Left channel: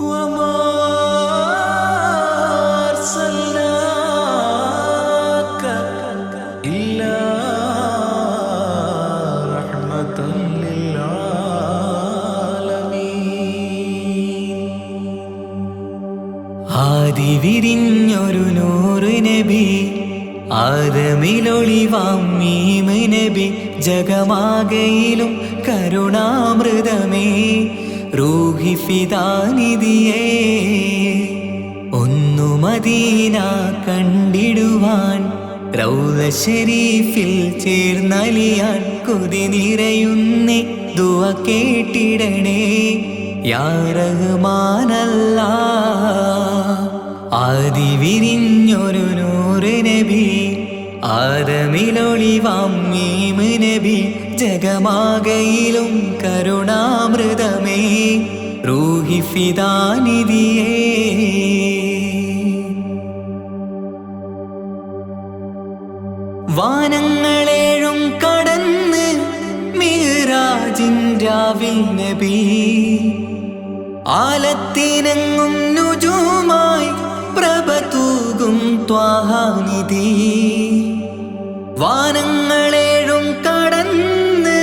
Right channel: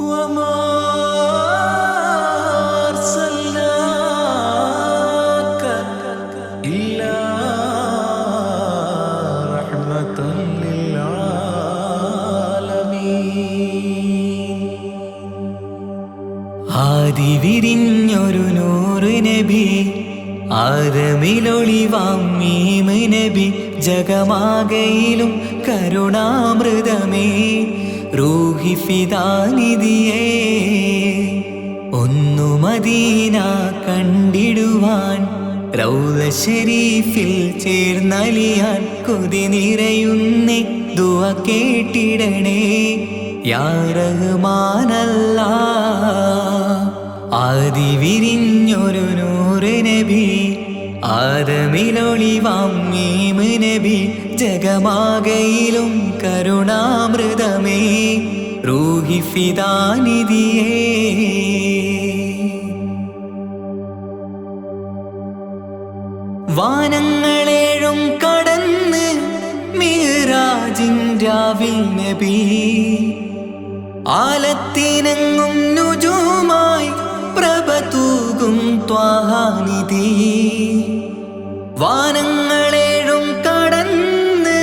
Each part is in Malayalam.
وما أرسلناك إلا رحمة للعالمين. ആദി വിരിഞ്ഞൊരു നൂറ് നബി, ആദമിലൊളിവാം മീമ് നബി, ജഗമാകയിലും കരുണാമൃതമേ റൂഹി ഫിദാനിധിയേ. ഒന്നു മദീന കണ്ടിടുവാൻ റൗള ശരീഫിൽ ചേർന്നലിയാൻ കൊതി നിറയുന്നേ ദുആ കേട്ടിടണേ യാ റഹ്മാനല്ലാഹ്. ആദി വിരിഞ്ഞൊരു നൂറ് നബി, ആദമിലൊളിവാം മീമ് നബി, ജഗമാകയിലും കരുണാമൃതമേ റൂഹി ഫിദാനിധിയേ. വാനങ്ങളേഴും കടന്ന് മിഹ്റാജിൻ രാവിൽ നബി, ആലത്തിനെങ്ങും നുജൂമായി പ്രഭ തൂകും ത്വാഹാനിധി. വാനങ്ങളേഴും കടന്ന്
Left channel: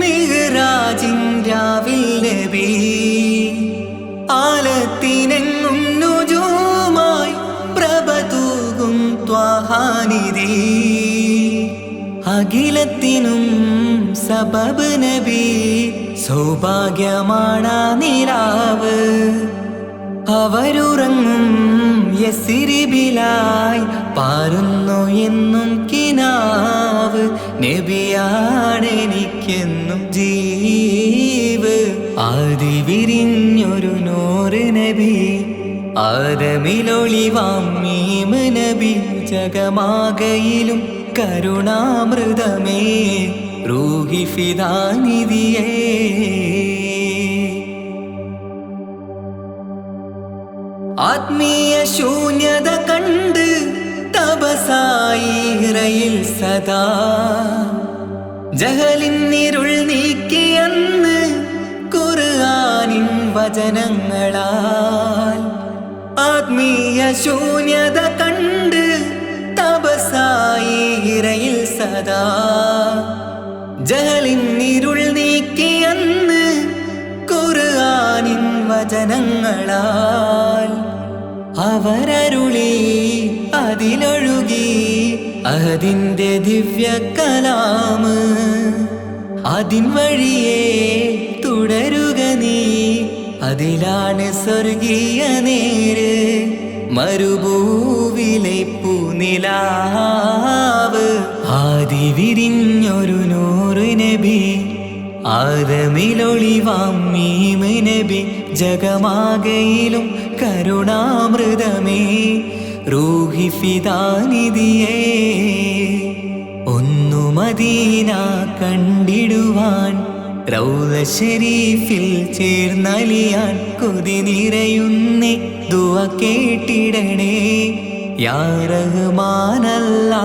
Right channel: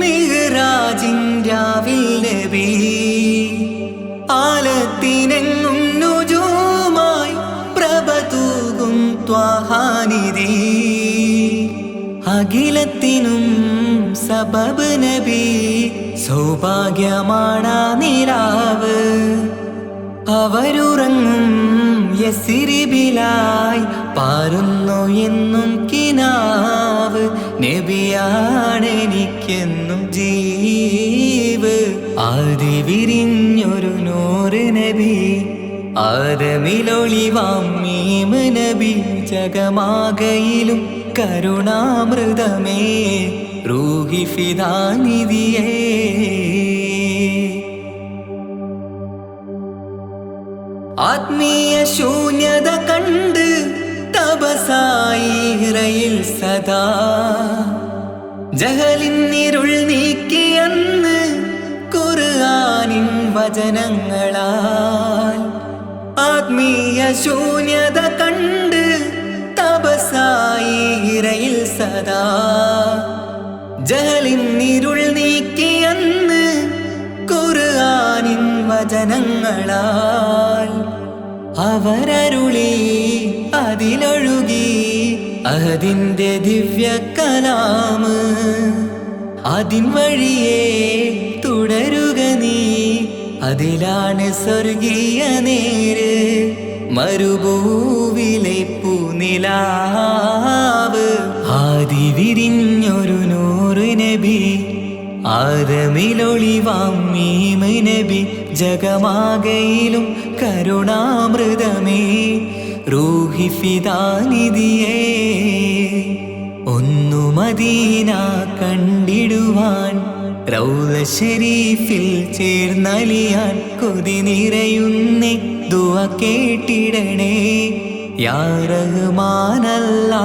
മിഹ്റാജിൻ രാവിൽ നബി, ആലത്തിനെങ്ങും നുജൂമായി പ്രഭ തൂകും ത്വാഹാനിധി. അഖിലത്തിനും സബബ് നബി, സൗഭാഗ്യമാണാ നിലാവ്. അവരുറങ്ങും യസ്രിബിലായി പാരുന്നു എന്നും കിനാവ്. നബിയാണെനിക്കെന്നും ജീവ്. ആദി വിരിഞ്ഞൊരു നൂറ് നബി, ആദമിലൊളിവാം മീമ് നബി, ജഗമാകയിലും കരുണാമൃതമേ റൂഹി ഫിദാനിധിയേ. ആത്മീയ ശൂന്യത കണ്ട് തപസായി ഇറയിൽ സദാ, ജഹലിന്നിരുൾ നീക്കിയന്ന് ഖുർആനിൻ വചനങ്ങളാൽ. ആത്മീയ ശൂന്യത കണ്ട് തപസായി ഇറയിൽ സദാ, ജഹലിന്നിരുൾ നീക്കിയന്ന് ഖുർആനിൻ വചനങ്ങളാൽ. അവരരുളി അതിലൊഴുകി അതിൻ്റെ ദിവ്യ കലാമ്. അതിൻ വഴിയേ തുടരുക നീ, അതിലാണ് സ്വർഗീയ നേര്. മരുഭൂവിലെ പൂനിലാവ്. ആദി വിരിഞ്ഞൊരു നൂറ് നബി, ആദമിലൊളിവാം മീമ് നബി, ജഗമാകയിലും കരുണാമൃതമേ റൂഹി ഫിദാനിധിയേ. ഒന്നു മദീന കണ്ടിടുവാൻ റൗള ശരീഫിൽ ചേർന്നലിയാൻ കൊതി നിറയുന്നേ ദുആ കേട്ടിടണേ യാ റഹ്മാനല്ലാഹ്.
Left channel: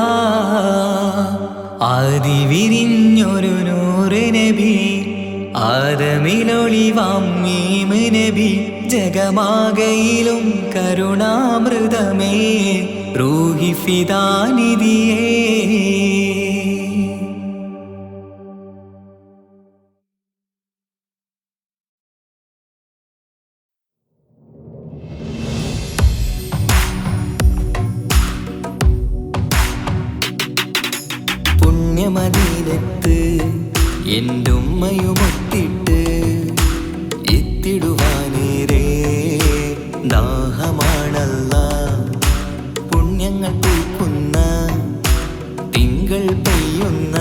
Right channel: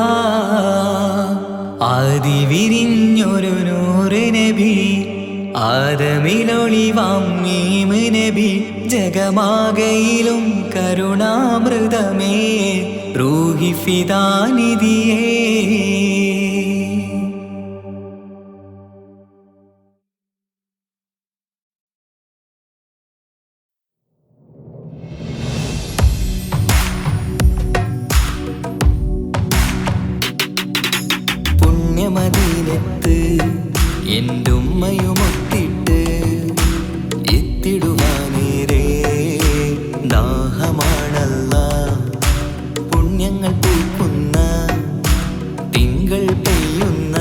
ആദി വിരിഞ്ഞൊരു നൂറ് നബി, ആദമിലൊളിവാം മീമ് നബി, ജഗമാകയിലും കരുണാമൃതമേ റൂഹി ഫിദാനിധിയേ. പുണ്യമദീനത്ത് എൻ്റെ ഉമ്മയുമൊത്തിട്ട് എത്തിടുവാനേരേ ദാഹമാണല്ലാ. പുണ്യങ്ങൾ പൂക്കുന്ന തിങ്കൾ പെയ്യുന്ന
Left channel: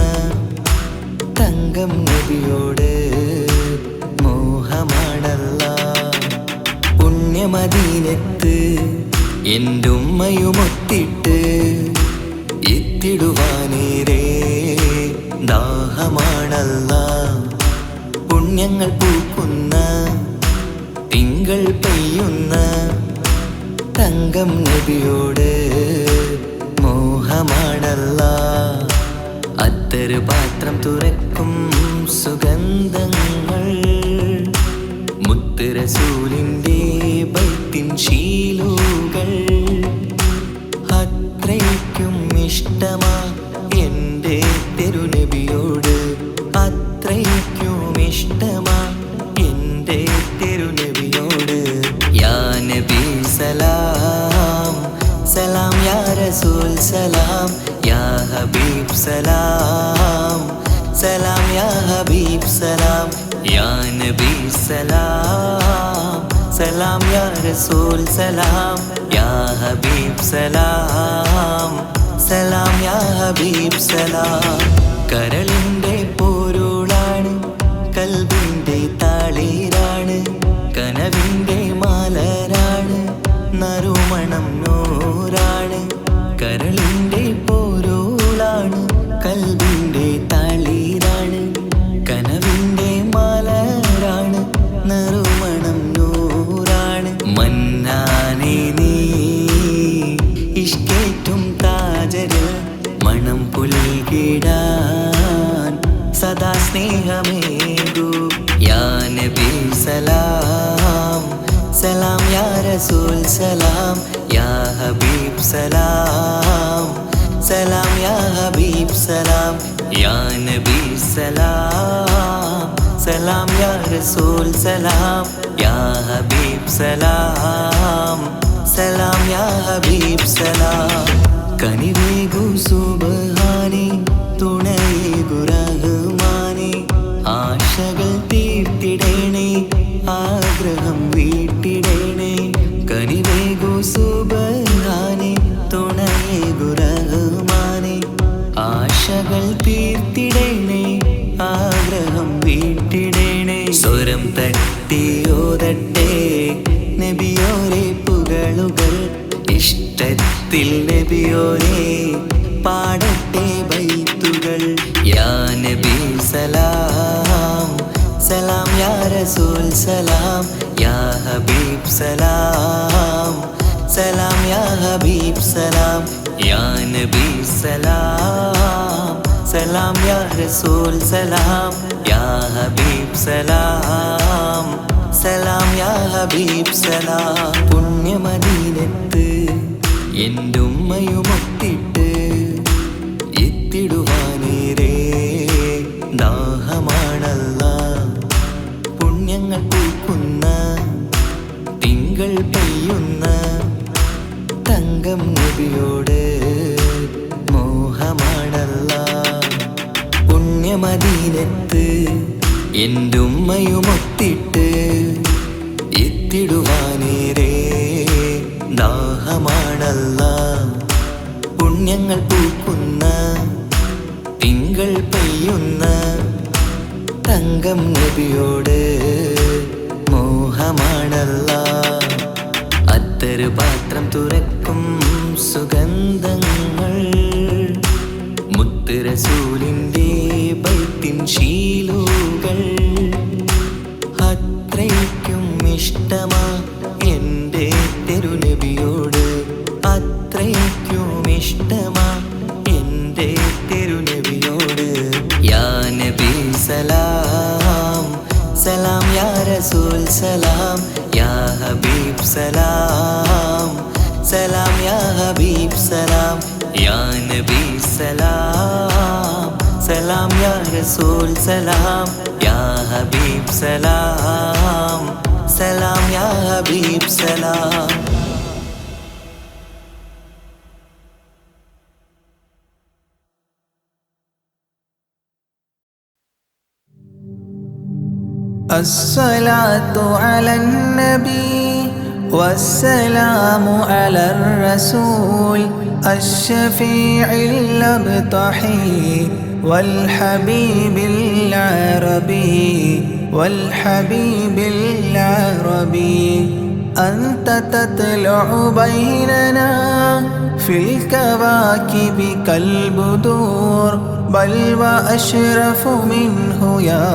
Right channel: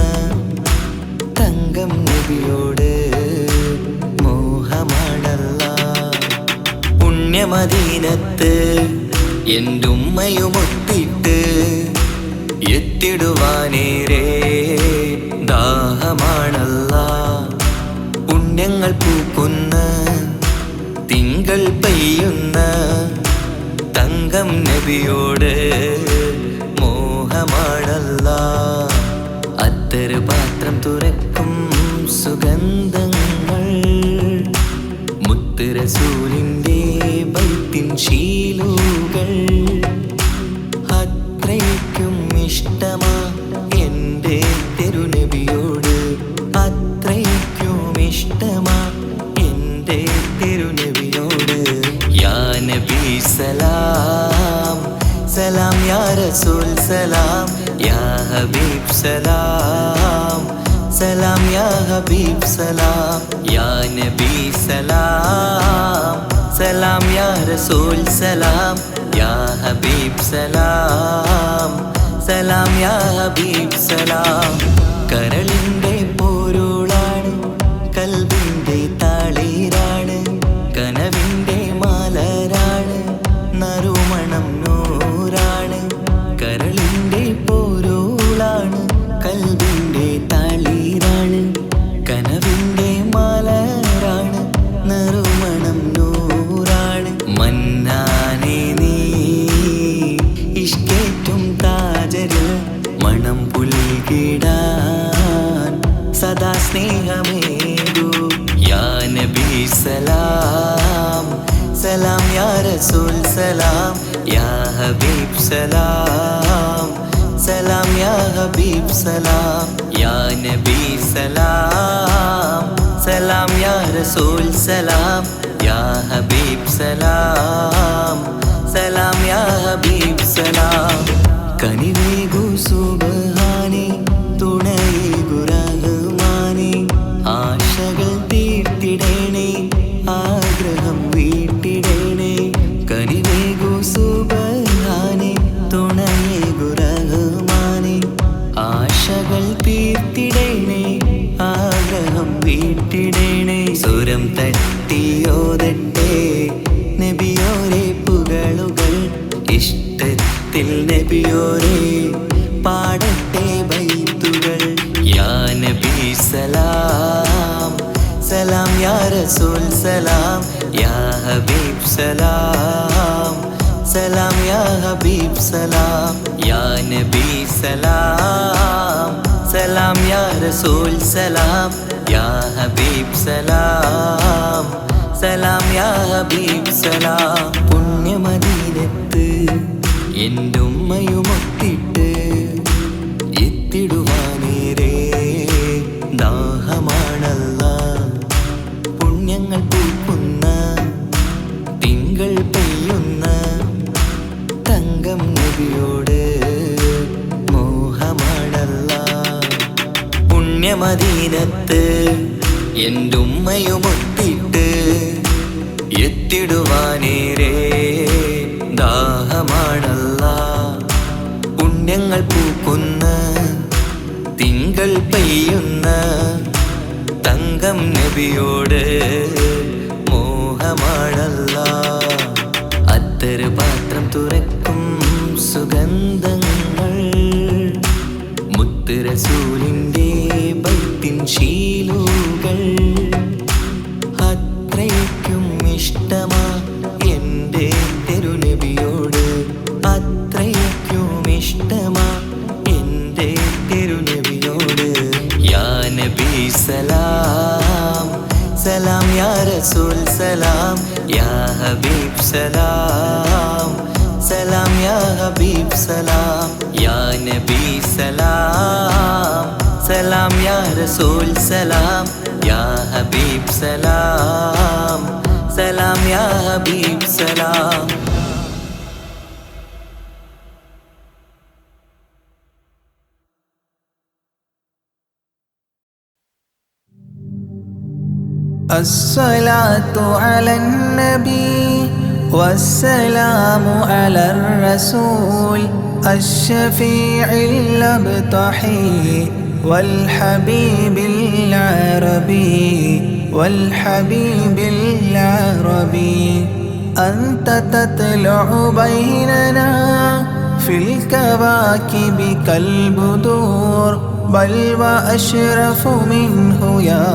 തങ്കം നബിയോട് മോഹമാണല്ലാ. പുണ്യമദീനത്ത് എൻ്റെ ഉമ്മയുമൊത്തിട്ട് എത്തിടുവാനേരേ ദാഹമാണല്ലാ. പുണ്യങ്ങൾ പൂക്കുന്ന തിങ്കൾ പെയ്യുന്ന തങ്കം നബിയോട് മോഹമാണല്ലാ. അത്തറ് പാത്രം തുറക്കും സുഗന്ധങ്ങൾ, മുത്ത് മുത്ത് റസൂലിൻ്റെ ബൈത്തിൻ ശീലുകൾ അത്രയ്ക്കും ഇഷ്ടമാ എൻ്റെ തിരുനബിയോട്, അത്രയ്ക്കും ഇഷ്ടമാ എൻ്റെ തിരുനബിയോട്. യാ നബി സലാം സലാം, യാ റസൂൽ സലാം, യാ ഹബീബ് സലാം സലാം, യാ ഹബീബ് സലാം, യാ നബി സലാം സലാം, യാ റസൂൽ സലാം, യാ ഹബീബ് സലാം സലാം, യാ ഹബീബ് സലാം. കരളിൻ്റെ പൊരുളാണ്, കൽബിൻ്റെ താളീരാണ്, കനവിൻ്റെ മാലരാണ്, നറുമണം നൂറാണ്. കരളിൻ്റെ പൊരുളാണ്, കൽബിൻ്റെ താളീരാണ്, കനവിൻ്റെ മാലരാണ്, നറുമണം നൂറാണ്. മന്നാനേ നീ ഇഷ്കേറ്റും താജരിൽ മണം പുൽകിടാൻ സദാ സ്നേഹമേകൂ. യാ നബി സലാം സലാം, യാ റസൂൽ സലാം, യാ ഹബീബ് സലാം സലാം, യാ ഹബീബ് സലാം, യാ നബി സലാം സലാം, യാ റസൂൽ സലാം, യാ ഹബീബ് സലാം സലാം, യാ ഹബീബ് സലാം. കനിവേകു സുബ്ഹാനേ, തുണയേകു റഹ്മാനേ, ആശകൾ തീർത്തിടേണേ, ആഗ്രഹം വീട്ടിടേണേ. കനിവേകു സുബ്ഹാനേ, തുണയേകു റഹ്മാനേ, ആശകൾ തീർത്തിടേണേ, ആഗ്രഹം വീട്ടിടേണേ. സ്വരം തട്ടിയോതട്ടെ നബിയോരെ പുകളുകൾ, ഇഷ്ടത്തിൽ നബിയോരെ പാടട്ടെ ബൈത്തുകൾ. യാ നബി സലാം സലാം, യാ റസൂൽ സലാം, യാ ഹബീബ് സലാം സലാം, യാ ഹബീബ് സലാം, യാ നബി സലാം സലാം, യാ റസൂൽ സലാം, യാ ഹബീബ് സലാം സലാം, യാ ഹബീബ് സലാം. പുണ്യമദീനത്ത് എൻ്റെ ഉമ്മയുമൊത്തിട്ട് എത്തിടുവാനേരേ ദാഹമാണല്ലാ. പുണ്യങ്ങൾ പൂക്കുന്ന തിങ്കൾ പെയ്യുന്ന തങ്കം നബിയോട് മോഹമാണല്ലാ. പുണ്യമദീനത്ത് എൻ്റെ ഉമ്മയുമൊത്തിട്ട് എത്തിടുവാനേരേ ദാഹമാണല്ലാ. പുണ്യങ്ങൾ പൂക്കുന്ന തിങ്കൾ പെയ്യുന്ന തങ്കം നബിയോട് മോഹമാണല്ലാ. അത്തറ് പാത്രം തുറക്കും സുഗന്ധങ്ങൾ മുത്ത് റസൂലിൻ്റെ ബൈത്തിൻ ശീലുകൾ അത്രയ്ക്കും ഇഷ്ടമാ എൻ്റെ തിരുനബിയോട്, അത്രയ്ക്കും ഇഷ്ടമാ എൻ്റെ തിരുനബിയോട്. യാ നബി സലാം സലാം, യാ റസൂൽ സലാം, യാ ഹബീബ് സലാം സലാം, യാ ഹബീബ് സലാം, യാ നബി സലാം സലാം, യാ റസൂൽ സലാം, യാ ഹബീബ് സലാം സലാം, യാ ഹബീബ് സലാം. الصلاة على النبي والسلام على الرسول الشفيع الأبطحي والحبيب العربي والحبيب العربي. أنت تطلع بيننا في الكواكب كالبدور، بل وأشرف منه يا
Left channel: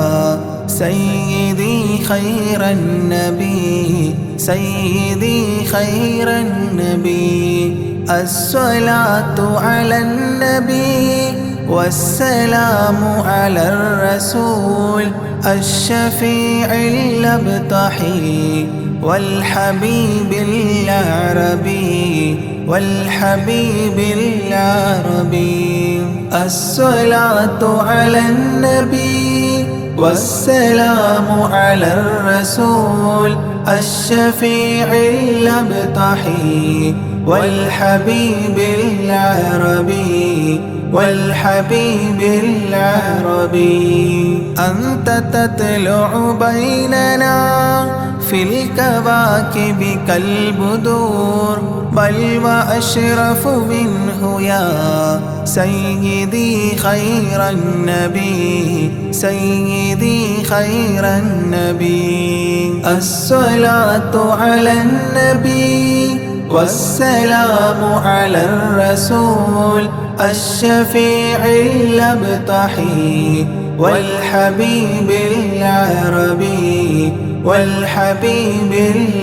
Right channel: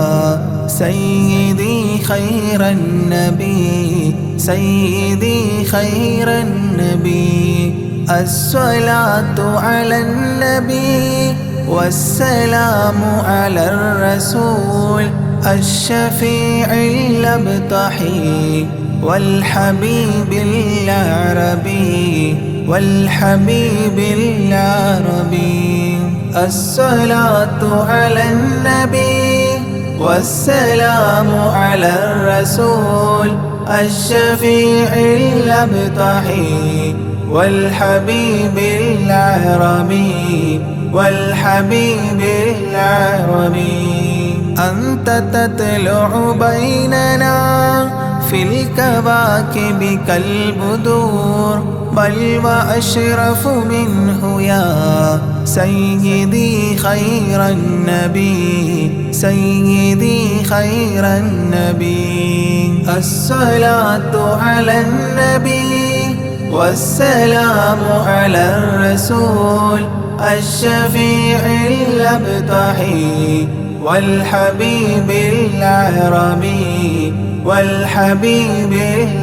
سيدي خير النبي، سيدي خير النبي. الصلاة على النبي والسلام على الرسول الشفيع الأبطحي والحبيب العربي والحبيب العربي. الصلاة على النبي والسلام على الرسول الشفيع الأبطحي والحبيب العربي والحبيب العربي. أنت تطلع بيننا في الكواكب كالبدور بل وأشرف منه يا سيدي خير النبي سيدي خير النبي. الصلاة على النبي والسلام على الرسول الشفيع الأبطحي والحبيب العربي والحبيب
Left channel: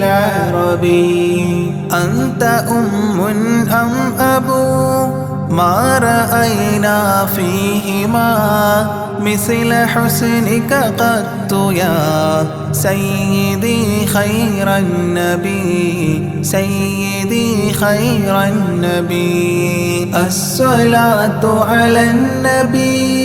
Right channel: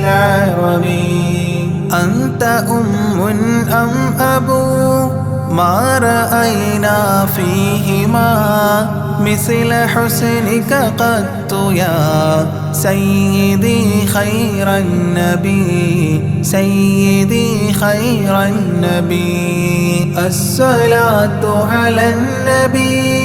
العربي. أنت أم أم أبو ما رأينا فيهما مثل حسنك قط يا سيدي خير النبي سيدي خير النبي. الصلاة على النبي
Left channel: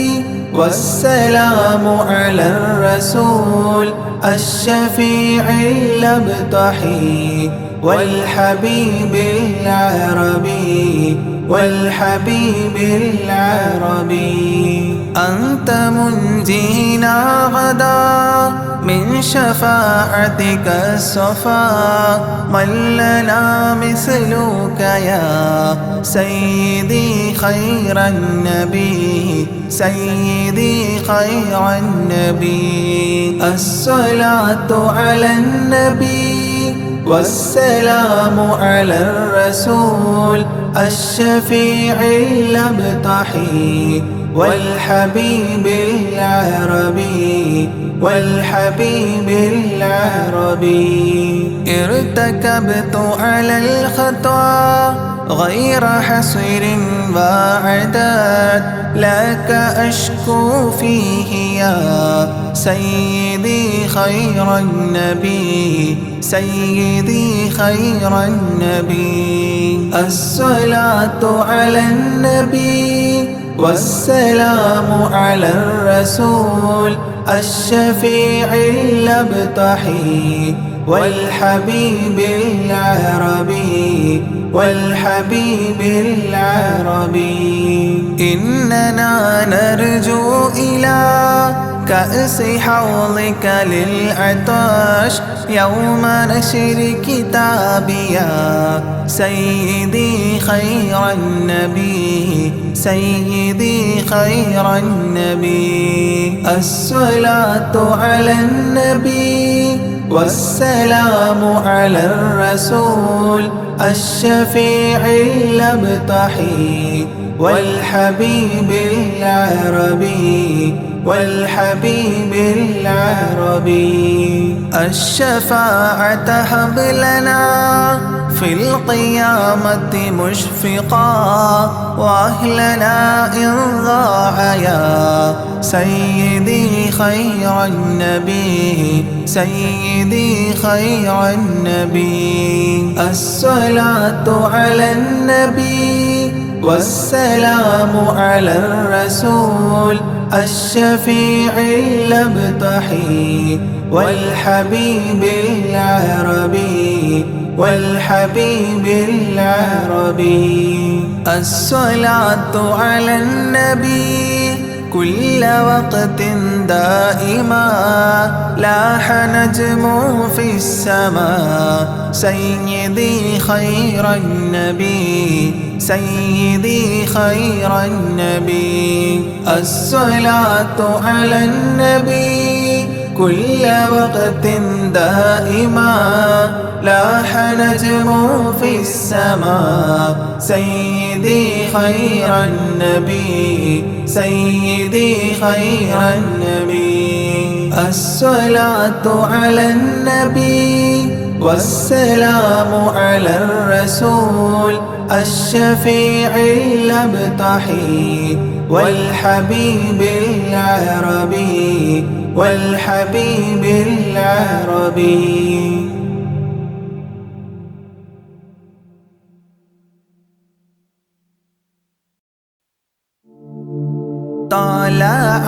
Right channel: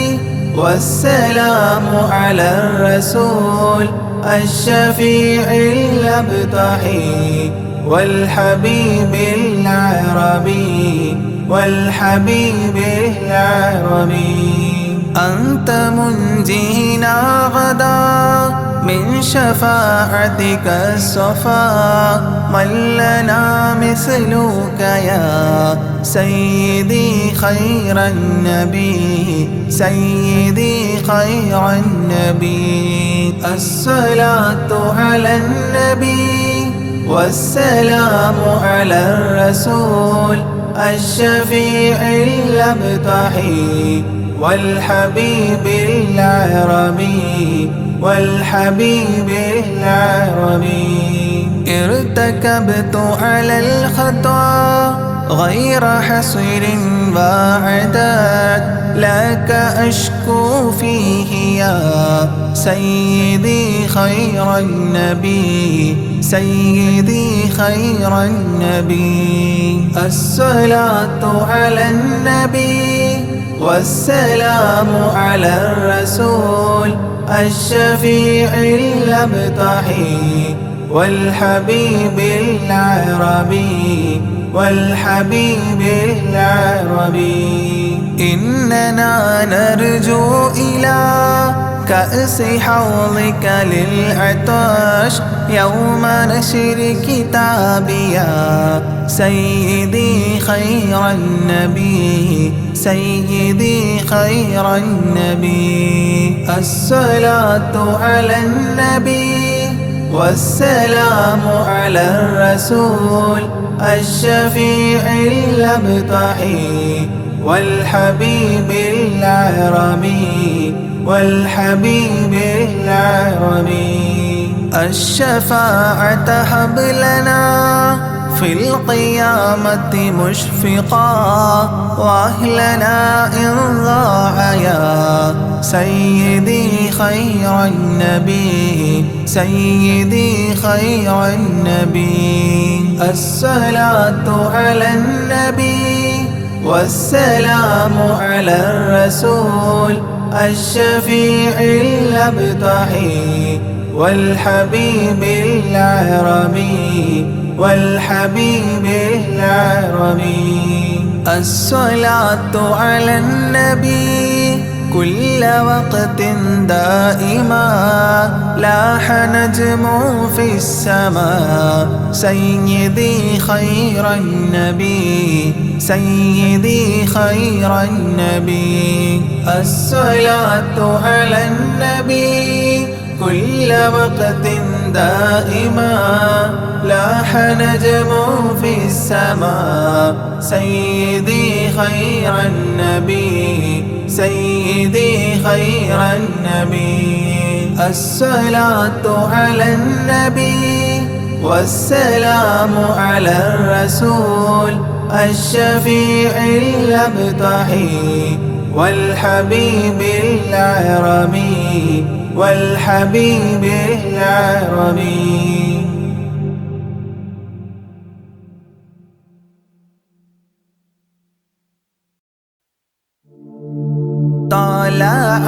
والسلام على الرسول الشفيع الأبطحي والحبيب العربي والحبيب العربي. أنت منجينا غدا من شفاعتك الصفا من لنا مثلك يا سيدي خير النبي سيدي خير النبي. الصلاة على النبي والسلام على الرسول الشفيع الأبطحي والحبيب العربي والحبيب العربي. ارتكبت على الخطا غير حصر وعداد لك أشكو فيه يا سيدي خير النبي سيدي خير النبي. الصلاة على النبي والسلام على الرسول الشفيع الأبطحي والحبيب العربي والحبيب العربي. إننا نرجو إلى كأس حوضك للعطاش يوم نشر كتابي يا سيدي خير النبي سيدي خير النبي. الصلاة على النبي والسلام على الرسول الشفيع الأبطحي والحبيب العربي والحبيب العربي. الشفاعة هب لنا في القيامة مشفقا وأهلنا إن ضاع يا سيدي خير النبي سيدي خير النبي. الصلاة على النبي والسلام على الرسول الشفيع الأبطحي والحبيب العربي والحبيب العربي. الصلاة على النبي كل وقت دائما لاح نجم في السماء سيدي خير النبي سيدي خير النبي. الصلاة على النبي كل وقت دائما لاح نجم في السماء سيدي خير النبي سيدي خير النبي. الصلاة على النبي والسلام على الرسول الشفيع الأبطحي والحبيب العربي والحبيب العربي. طلع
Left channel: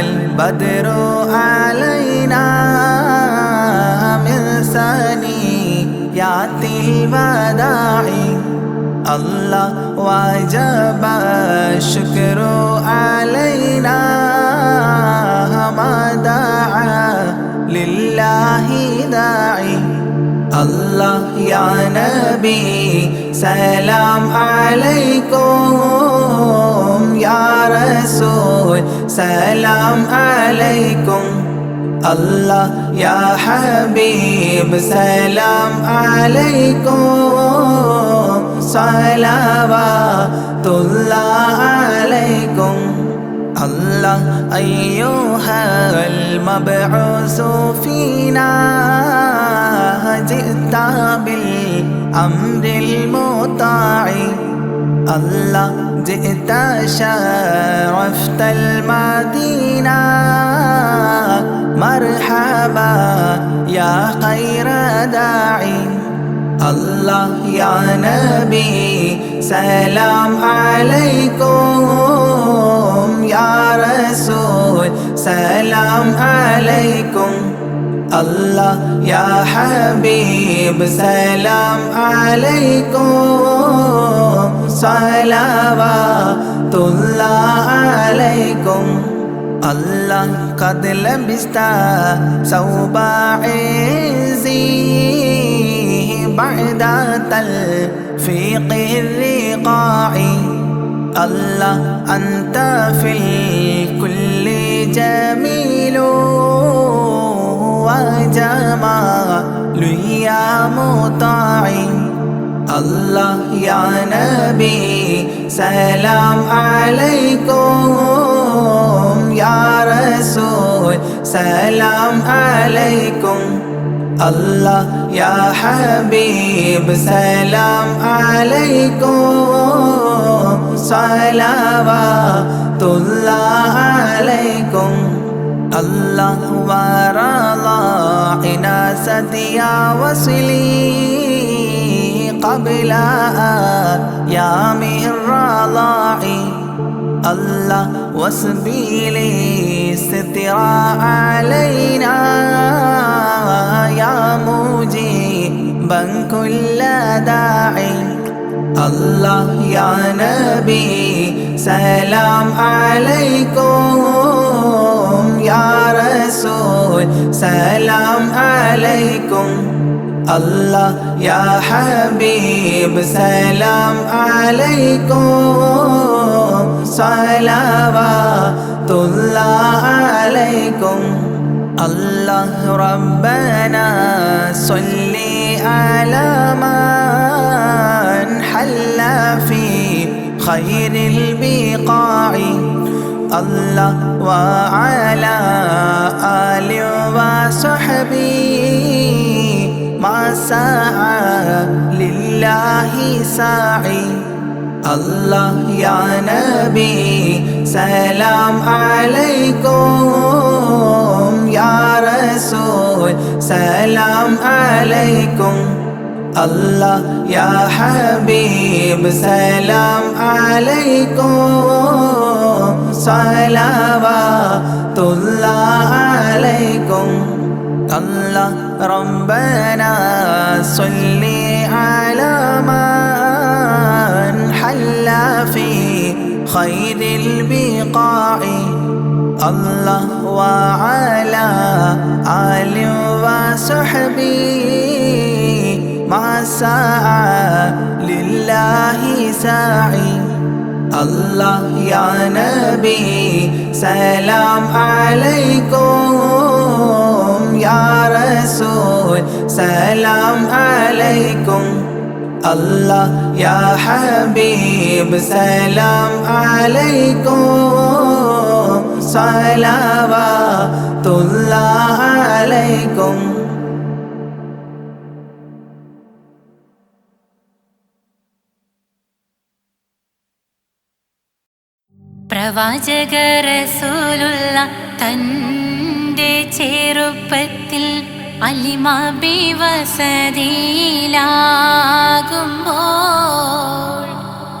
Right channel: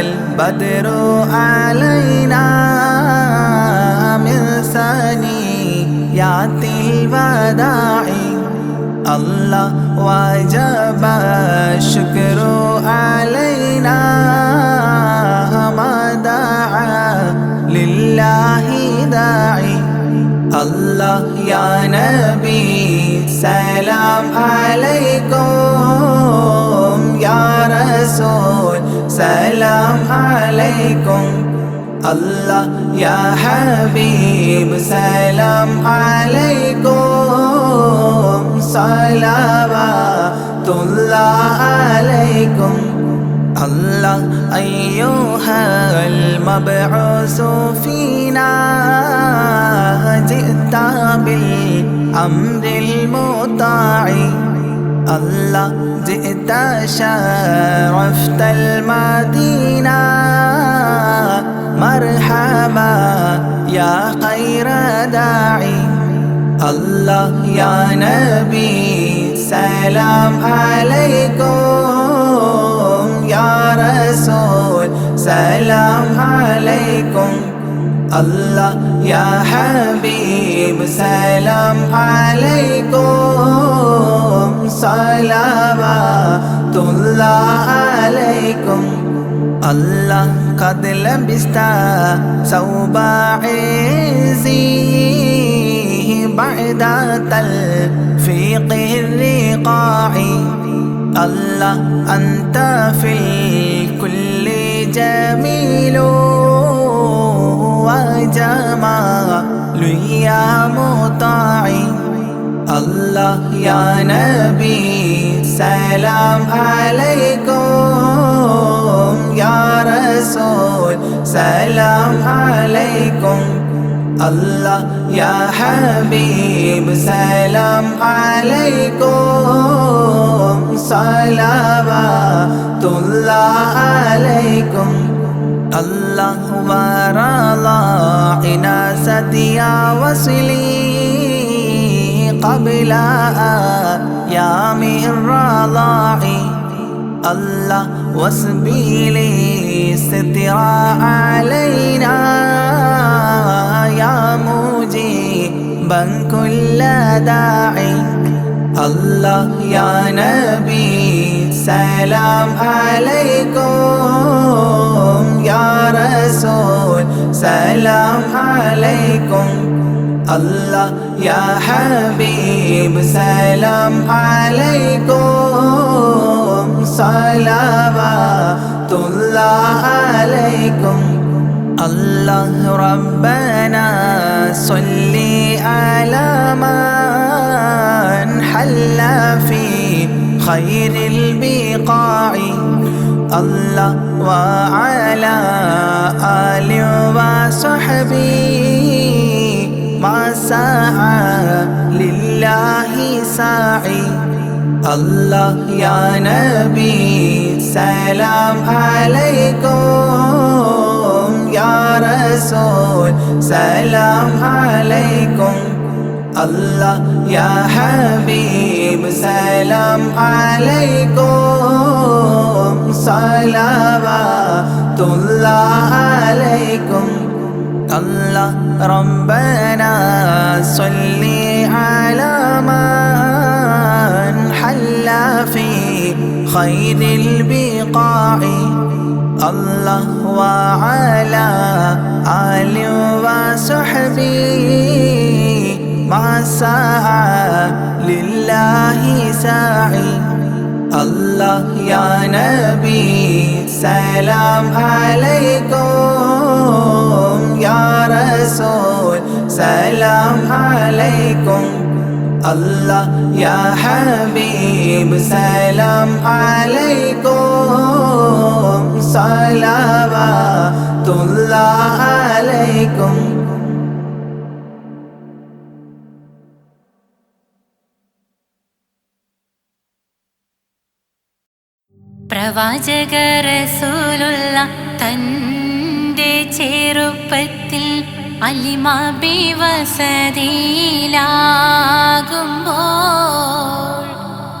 البدر علينا من ثنيات الوداع الله وجب الشكر علينا ما دعا لله داعي. الله يا نبي سلام عليكم يا رسول سلام عليكم. الله يا حبيب سلام عليكم صلوات الله عليكم. الله أيها المبعوث فينا جئت بالأمر المطاع. الله جئت شرفت المدينة مرحبا يا خير داعي. الله يا نبي سلام عليكم يا رسول سلام عليكم. الله يا حبيب سلام عليكم صلوات الله عليكم. الله قد لبست ثوب عزي بعد تلفيق الرقاع. الله أنت في الكل جميل وجمال يا مطاع. الله يا نبي سلام عليكم يا رسول سلام عليكم. الله يا حبيب سلام عليكم صلوات الله عليكم. الله ورضى عناست يا وصلي قبل أيام الرضاع. الله واسبيلي ستر علينا يا مجيبا كل داعي. الله يا نبي سلام عليكم يا رسول سلام عليكم. الله يا حبيب سلام عليكم صلوات الله عليكم. الله ربنا صل على من حل في خير البقاع. الله وعلى آله وصحبه ما سعى لله ساعي. الله يا نبي سلام عليكم يا رسول سلام عليكم. الله يا حبيب سلام عليكم صلوات الله عليكم. الله ربنا صل على من حل في خير البقاع. الله وعلى آله وصحبه ما سعى لله ساعي. الله يا نبي سلام عليكم يا رسول سلام عليكم. الله يا حبيب سلام عليكم صلوات الله عليكم. പ്രവാചക റസൂലുള്ള തൻ്റെ ചെറുപ്പത്തിൽ അലിമാബി വസതിയിലാകുമ്പോൾ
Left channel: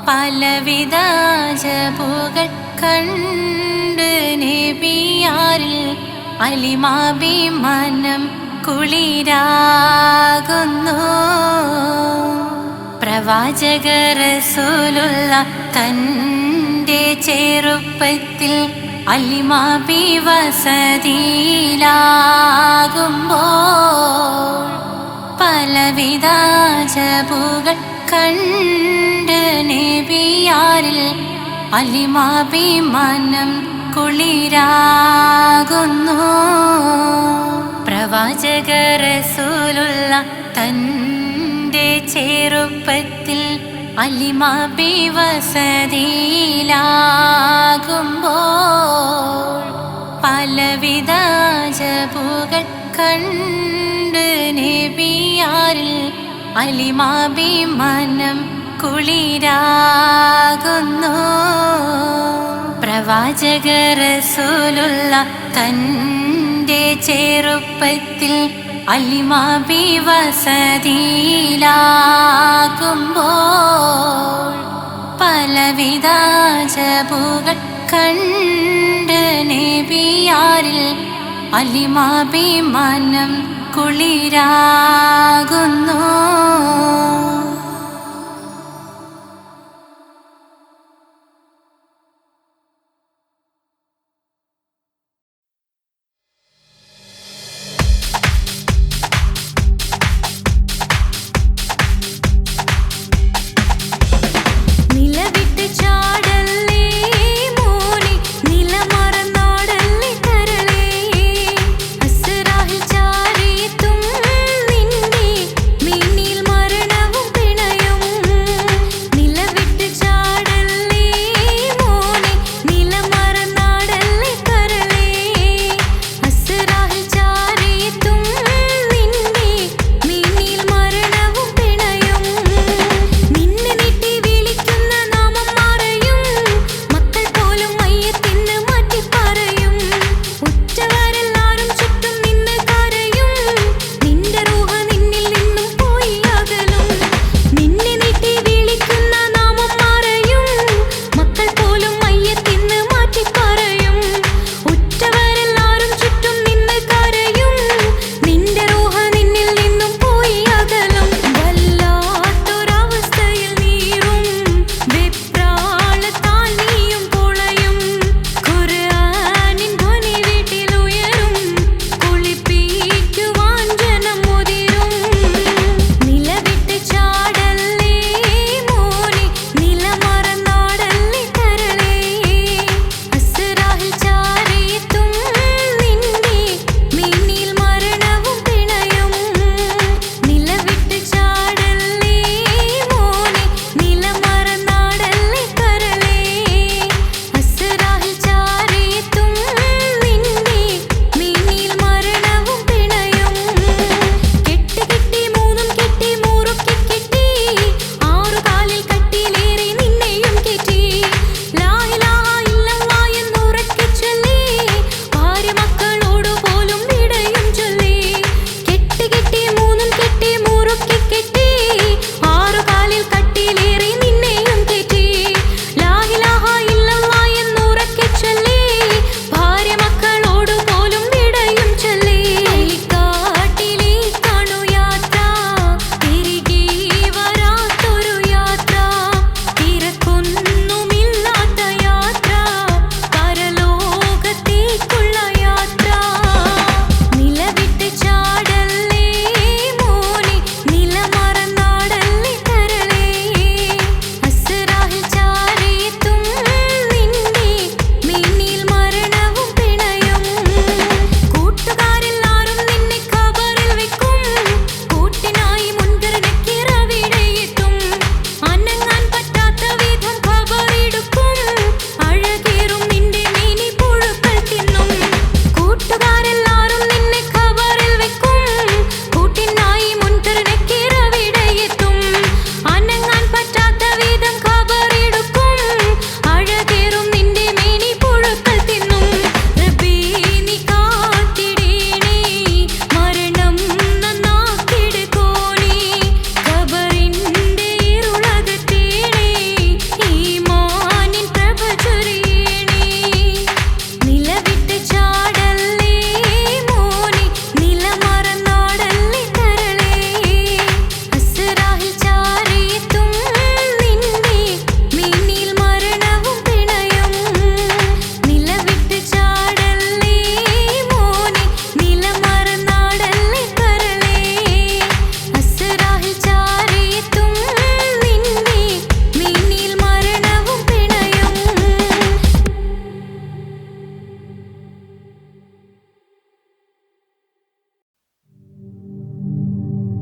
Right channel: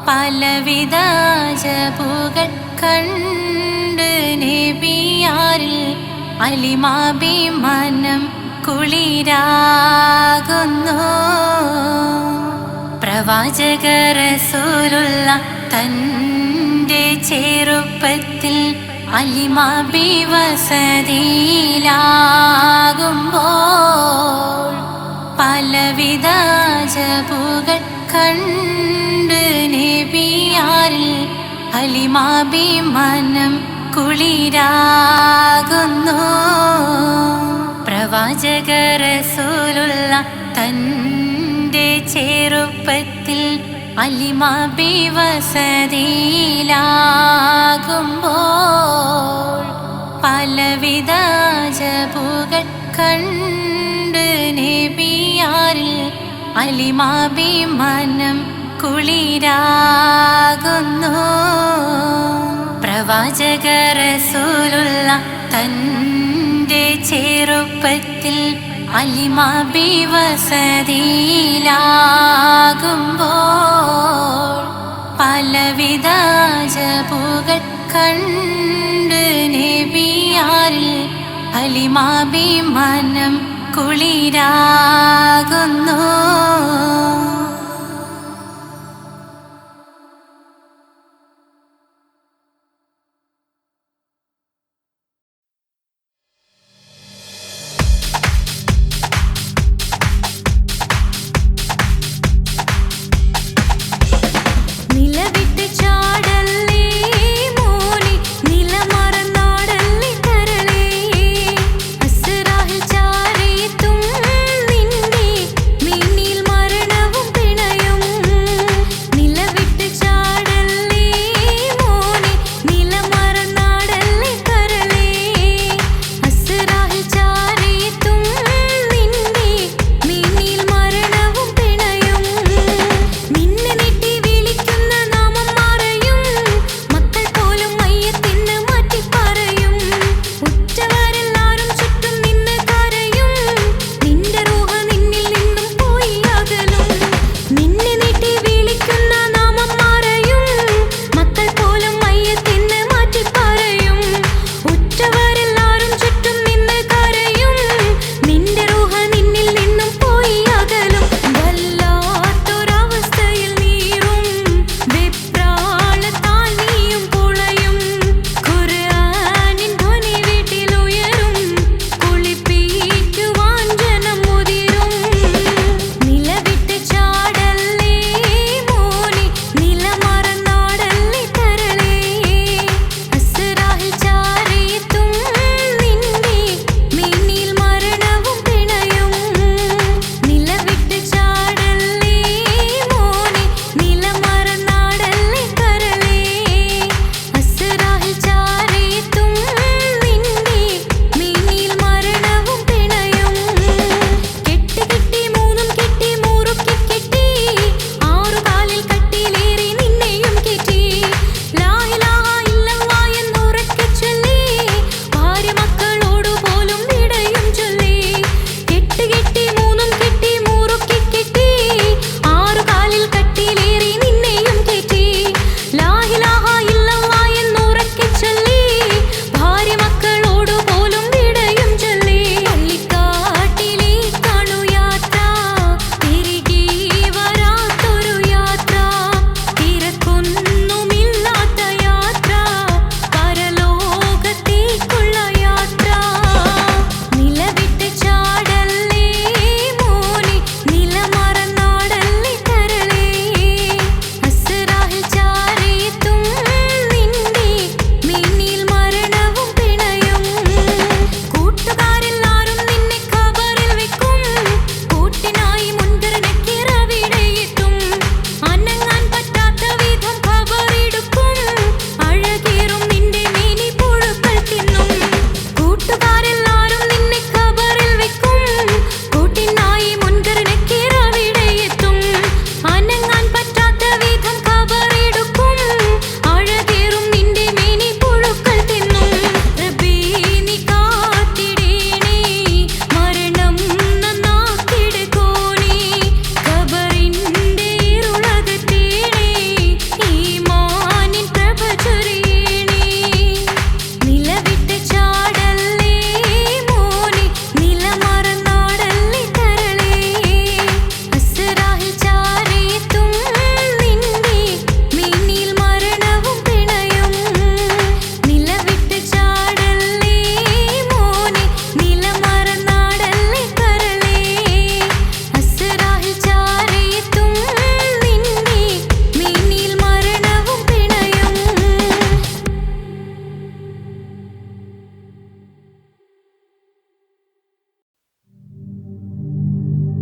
പലവിധ അജബുകൾ കണ്ട് നബിയാരിൽ അലിമാബി മനം കുളിരാകുന്നു. പ്രവാചക റസൂലുള്ള തൻ്റെ ചെറുപ്പത്തിൽ അലിമാബി വസതിയിലാകുമ്പോൾ പലവിധ അജബുകൾ കണ്ട് നബിയാരിൽ അലിമാബി മനം കുളിരാകുന്നു. പ്രവാചക റസൂലുള്ള തൻ്റെ ചെറുപ്പത്തിൽ അലിമാബി വസതിയിലാകുമ്പോൾ പലവിധ അജബുകൾ കണ്ട് നബിയാരിൽ അലിമാബി മനം കുളിരാകുന്നു. പ്രവാചക റസൂലുള്ള തൻ്റെ ചെറുപ്പത്തിൽ അലിമാബി വസതിയിലാകുമ്പോൾ പലവിധ അജബുകൾ കണ്ട് നബിയാരിൽ അലിമാബി മനം കുളിരാകുന്നു. നിലമറന്നാടല്ലേ കരളേ, അസ്റാഹിൽ ചാരിയെത്തും നിന്റെ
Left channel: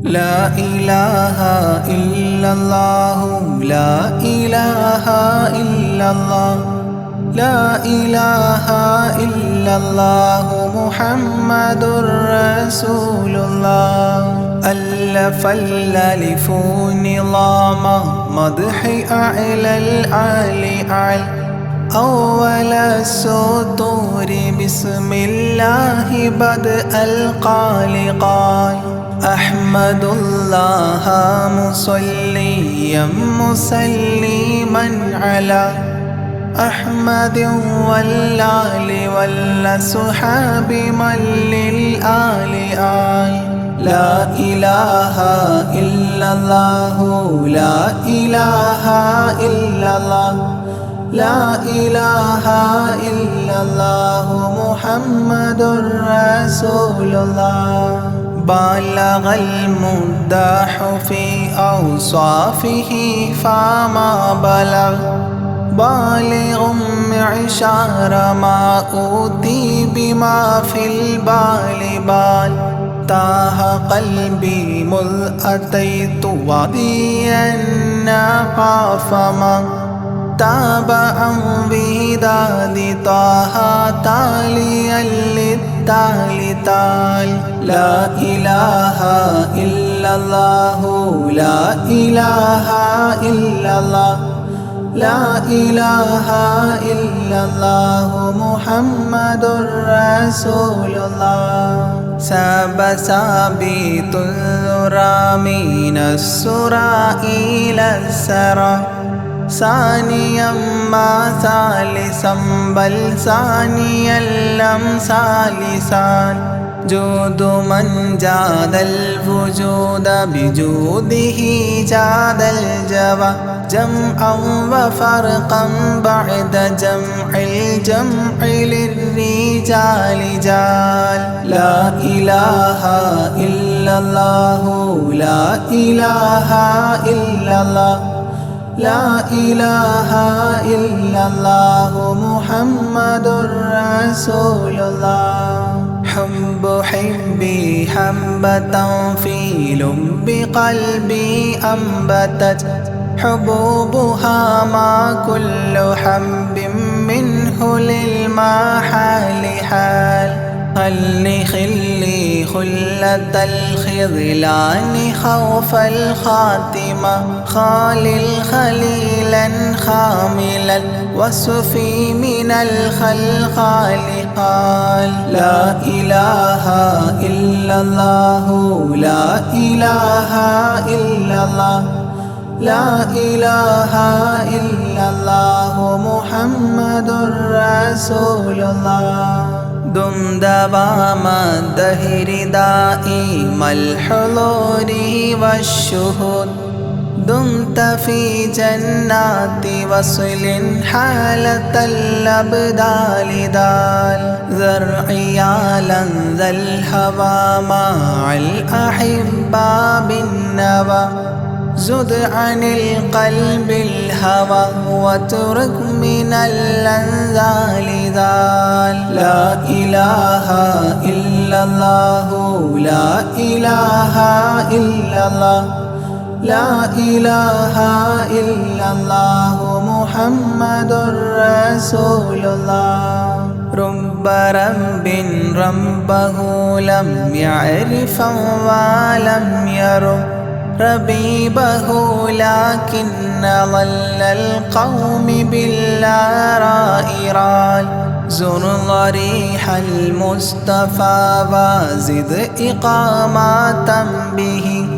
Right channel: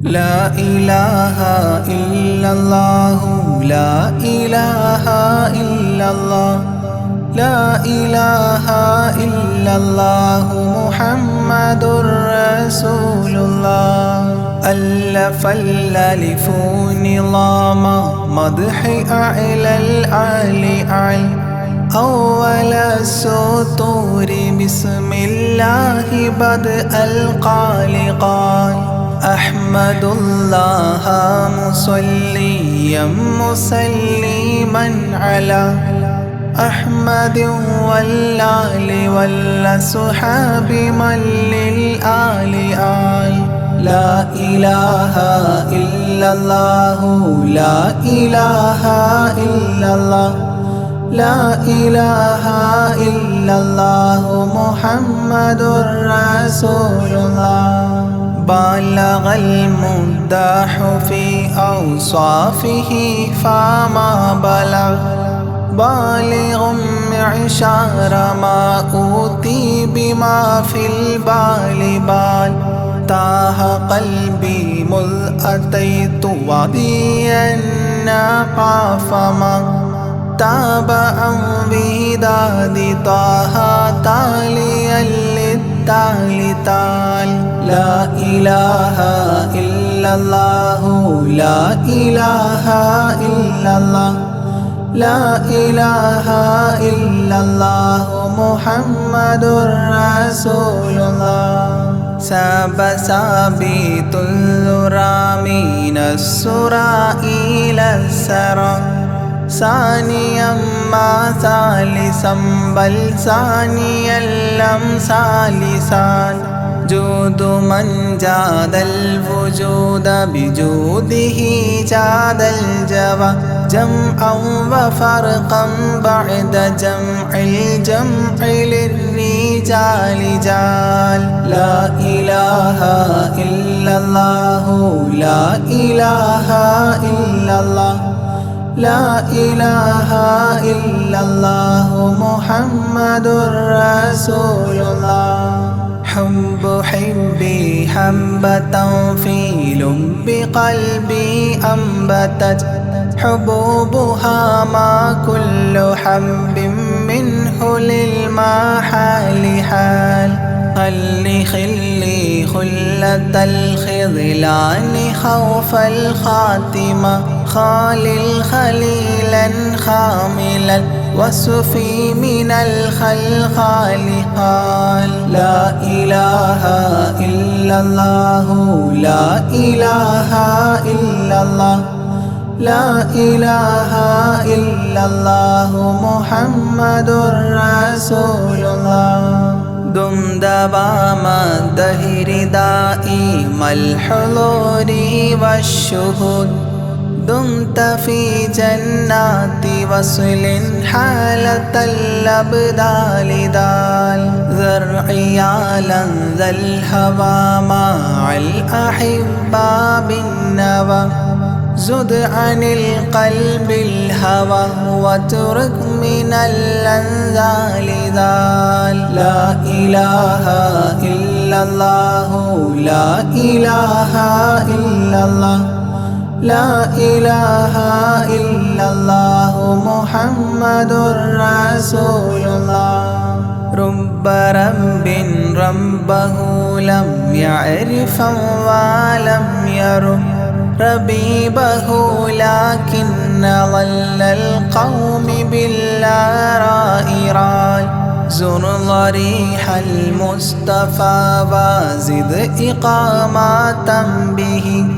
لا إله إلا الله لا إله إلا الله لا إله إلا الله محمد رسول الله ألف الألف نظام مدح أعلى الأعلى أعلى أول السطور بسم الله بدء القال قال أحمد الله مصليا مسلما على أحمد والآل والصحاب من للآل آل لا إله إلا الله لا إله إلا الله لا إله إلا الله محمد رسول الله بلغ المداح في أوصافه فما بلغ بالغ معشار ما أوتي بما في البال بال تاه قلبي مذ أتيت واديا قاف ما تاب عن وداد طه تاليا للتالي تال لا إله إلا الله لا إله إلا الله لا إله إلا الله محمد رسول الله ساب سابيت الذرى من السرى إلى السرى ثانيا ما ثالثا بل ثانيا لم ثالثان جود من جاد الوجود بجوده جاد الجوى جمعا وفرقا بعد جمع الجمع للرجال جال لا إله إلا الله لا إله إلا الله لا إله إلا الله محمد رسول الله حب حبي حبة في لب قلبي أنبتت حبوبها ما كل حب منه للمحال حال خلي خلة الخذلان خوف الخاتمة خالل خليلا خاملا وصفي من الخلقال قال لا إله إلا الله لا إله إلا الله لا إله إلا الله محمد رسول الله دم دوام الدهر دائم الحضور والشهود دمت في جنات وصل حالة الأبدال دال ذرعيالا ذا الهوى مع الأحبة بالنوى زد عن القلب الهوى واترك من الأنذال ذال لا إله إلا الله لا إله إلا الله لا إله إلا الله محمد رسول الله رب رب ربه لم يعرف ولم يرب ربيبه لكن ظل القوم بالآراء رال زر ضريح المصطفى وزد إقامة به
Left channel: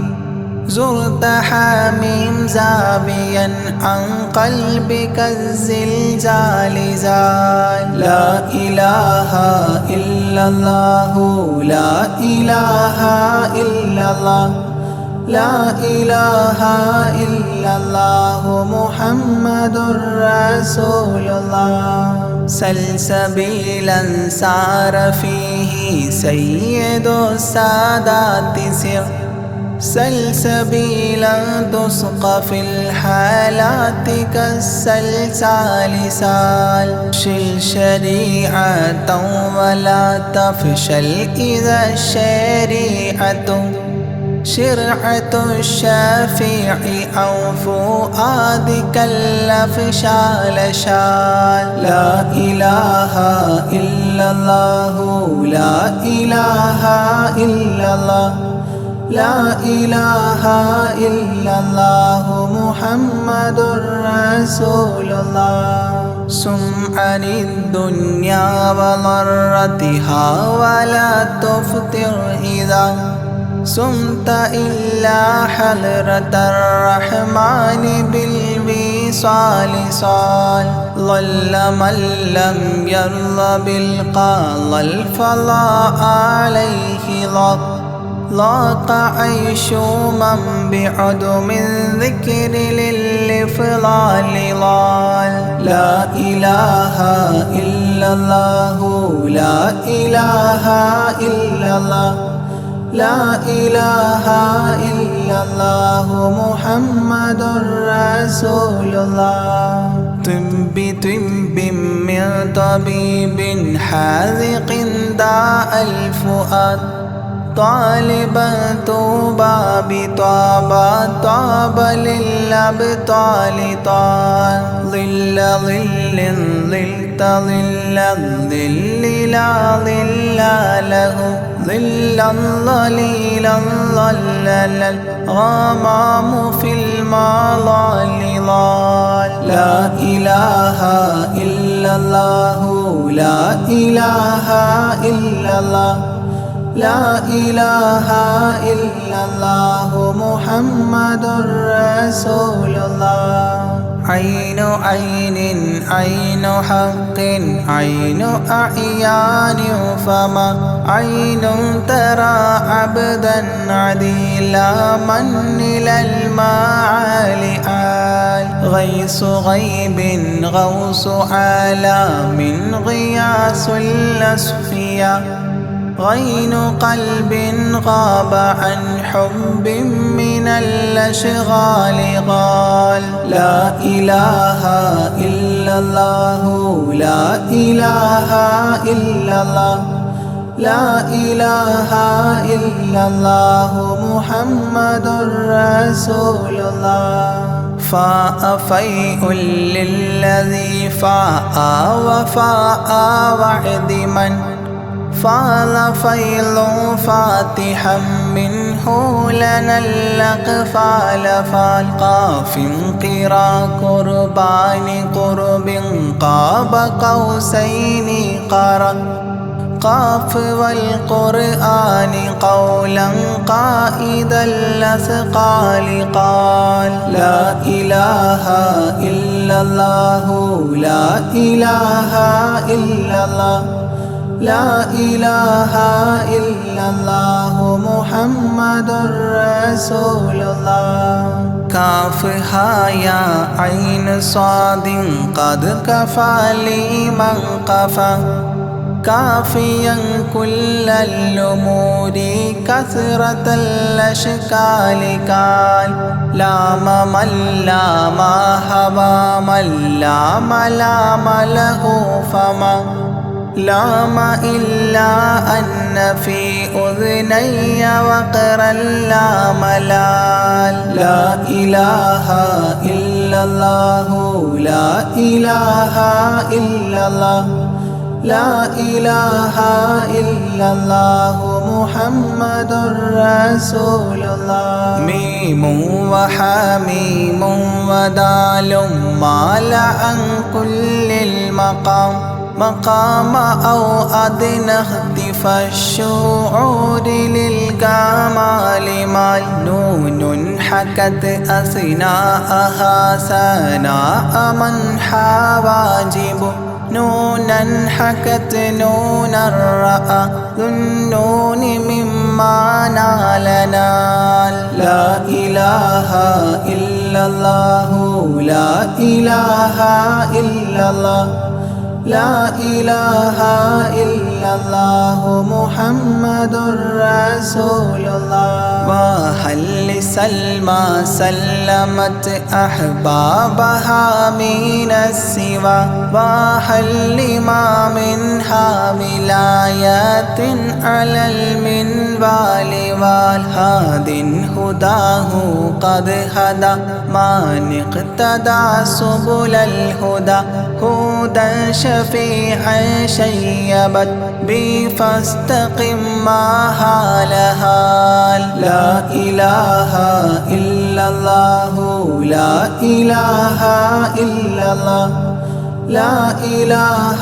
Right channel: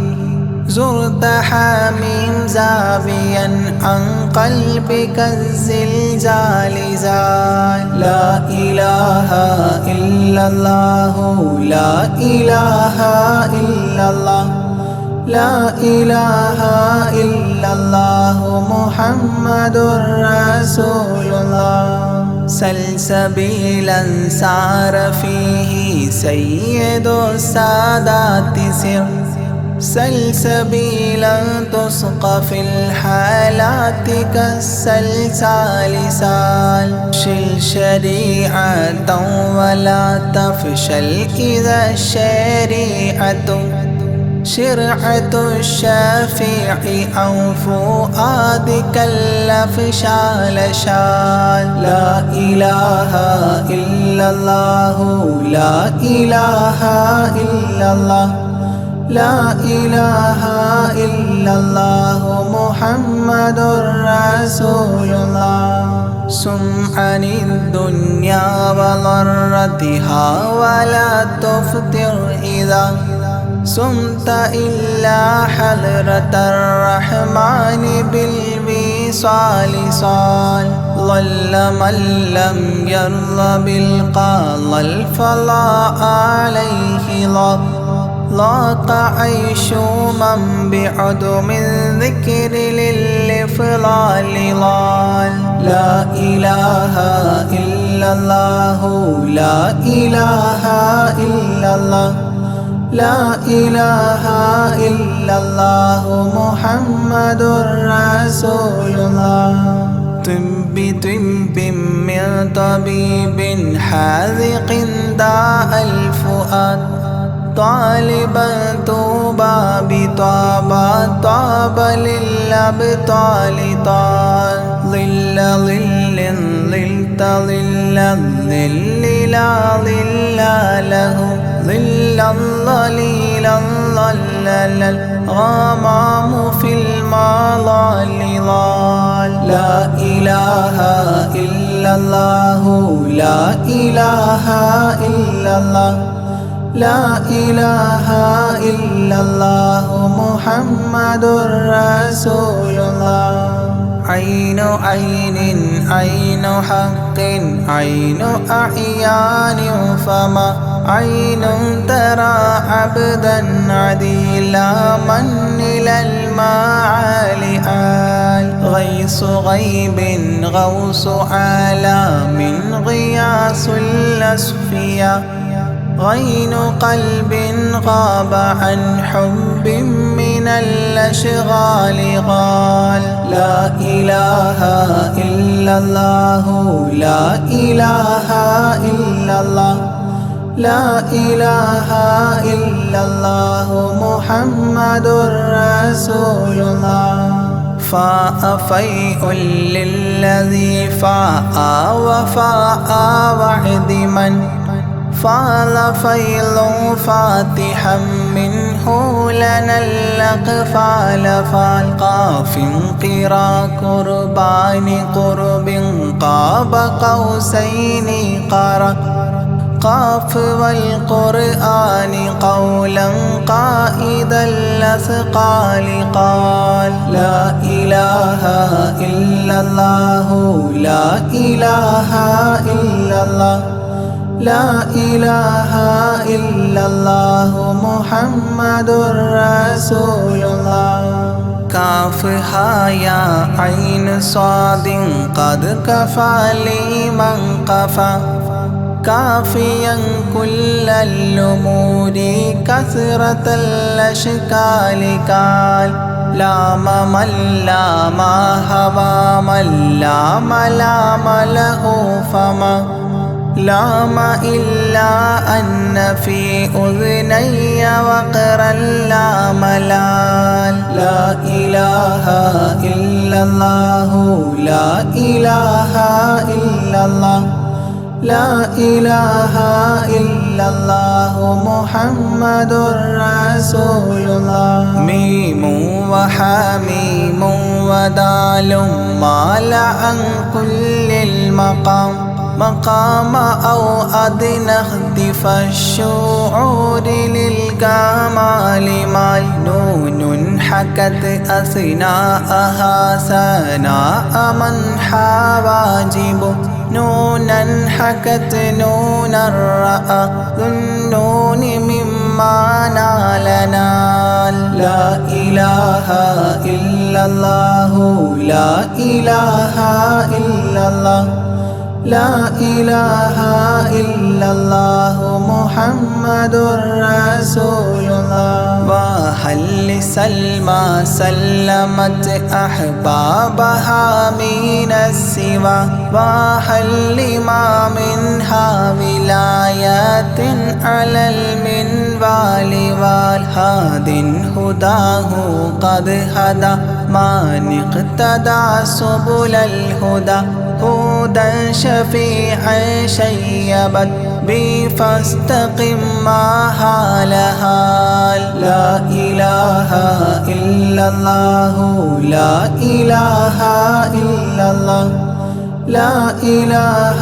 زرت حميم زاويا عن قلبك الزلزال زال لا إله إلا الله لا إله إلا الله لا إله إلا الله محمد رسول الله سلسبيلا سار فيه سيد السادات سر سلسبيلا تسقى في الحالات كالسلسال سال شل شريعة ولا تفشل إذا الشريعة شرعة الشافع أو فؤادك الأفشال شال. لا إله إلا الله لا إله إلا الله لا إله إلا الله محمد رسول الله. سم عن الدنيا وضرتها ولا تفطر إذا سمت إلا حضرة الرحمن بالوصال صال. ضل من لم يرضى بالقضاء الفضاء عليه ضاق عيش من بعدم الذكر للإفضال ضال. لا إله إلا الله لا إله إلا الله لا إله إلا الله محمد رسول الله. طب من طبيب حاذق داء الفؤاد طالبا طوبى بطابى طاب للأبطال طال. ظل ظلت ظل الظل لا ظل له ظلا ظليلا ظلل الغمام في المظال ضال. لا إله إلا الله لا إله إلا الله لا إله إلا الله محمد رسول الله. عين عين عين حق عين أعيان فما عين ترى عبدا عديلا من إلى المعالي آل. غيث غيب غوث عالم غياث الأصفياء غين قلب غاب عن حب من الأشغال قال. لا إله إلا الله لا إله إلا الله لا إله إلا الله محمد رسول الله. فاء فيء للذي فاء وفاء وعد من فال فيض فاتحا منه لنا الأقفال فالقاف قرا قربان قرب قاب قوسين قرا قاف والقرآن قولا قائد الأثقال قال. لا إله إلا الله لا إله إلا الله لا إله إلا الله محمد رسول الله. كافها يا عين صاد قد كفى لي من قفى كافيا كل الأمور كثرة الأشكال قال. لام من لام هوى من لام لام له فما لام إلا أن في أذني وقرا لا ملال. لا إله إلا الله لا إله إلا الله لا إله إلا الله محمد رسول الله. ميم وحميم ودال مال عن كل المقام مقام أو أدنى اختفى الشعور للكمال مال. نون حكت أثناءها ثناء من حواجب نونا حكت نونا رأى ذو النون مما نال نال. لا إله إلا الله لا إله إلا الله لا إله إلا الله محمد رسول الله. وهل لسلمى سلمت أحبابها من السوى وهل لما منها ولايات على المنوال والهاد هداه قد هدى من اقتدى سبل الهدى هدى شفيعا شيبت بي فاستقم ما هالها. لا إله إلا الله لا إله إلا الله لا إله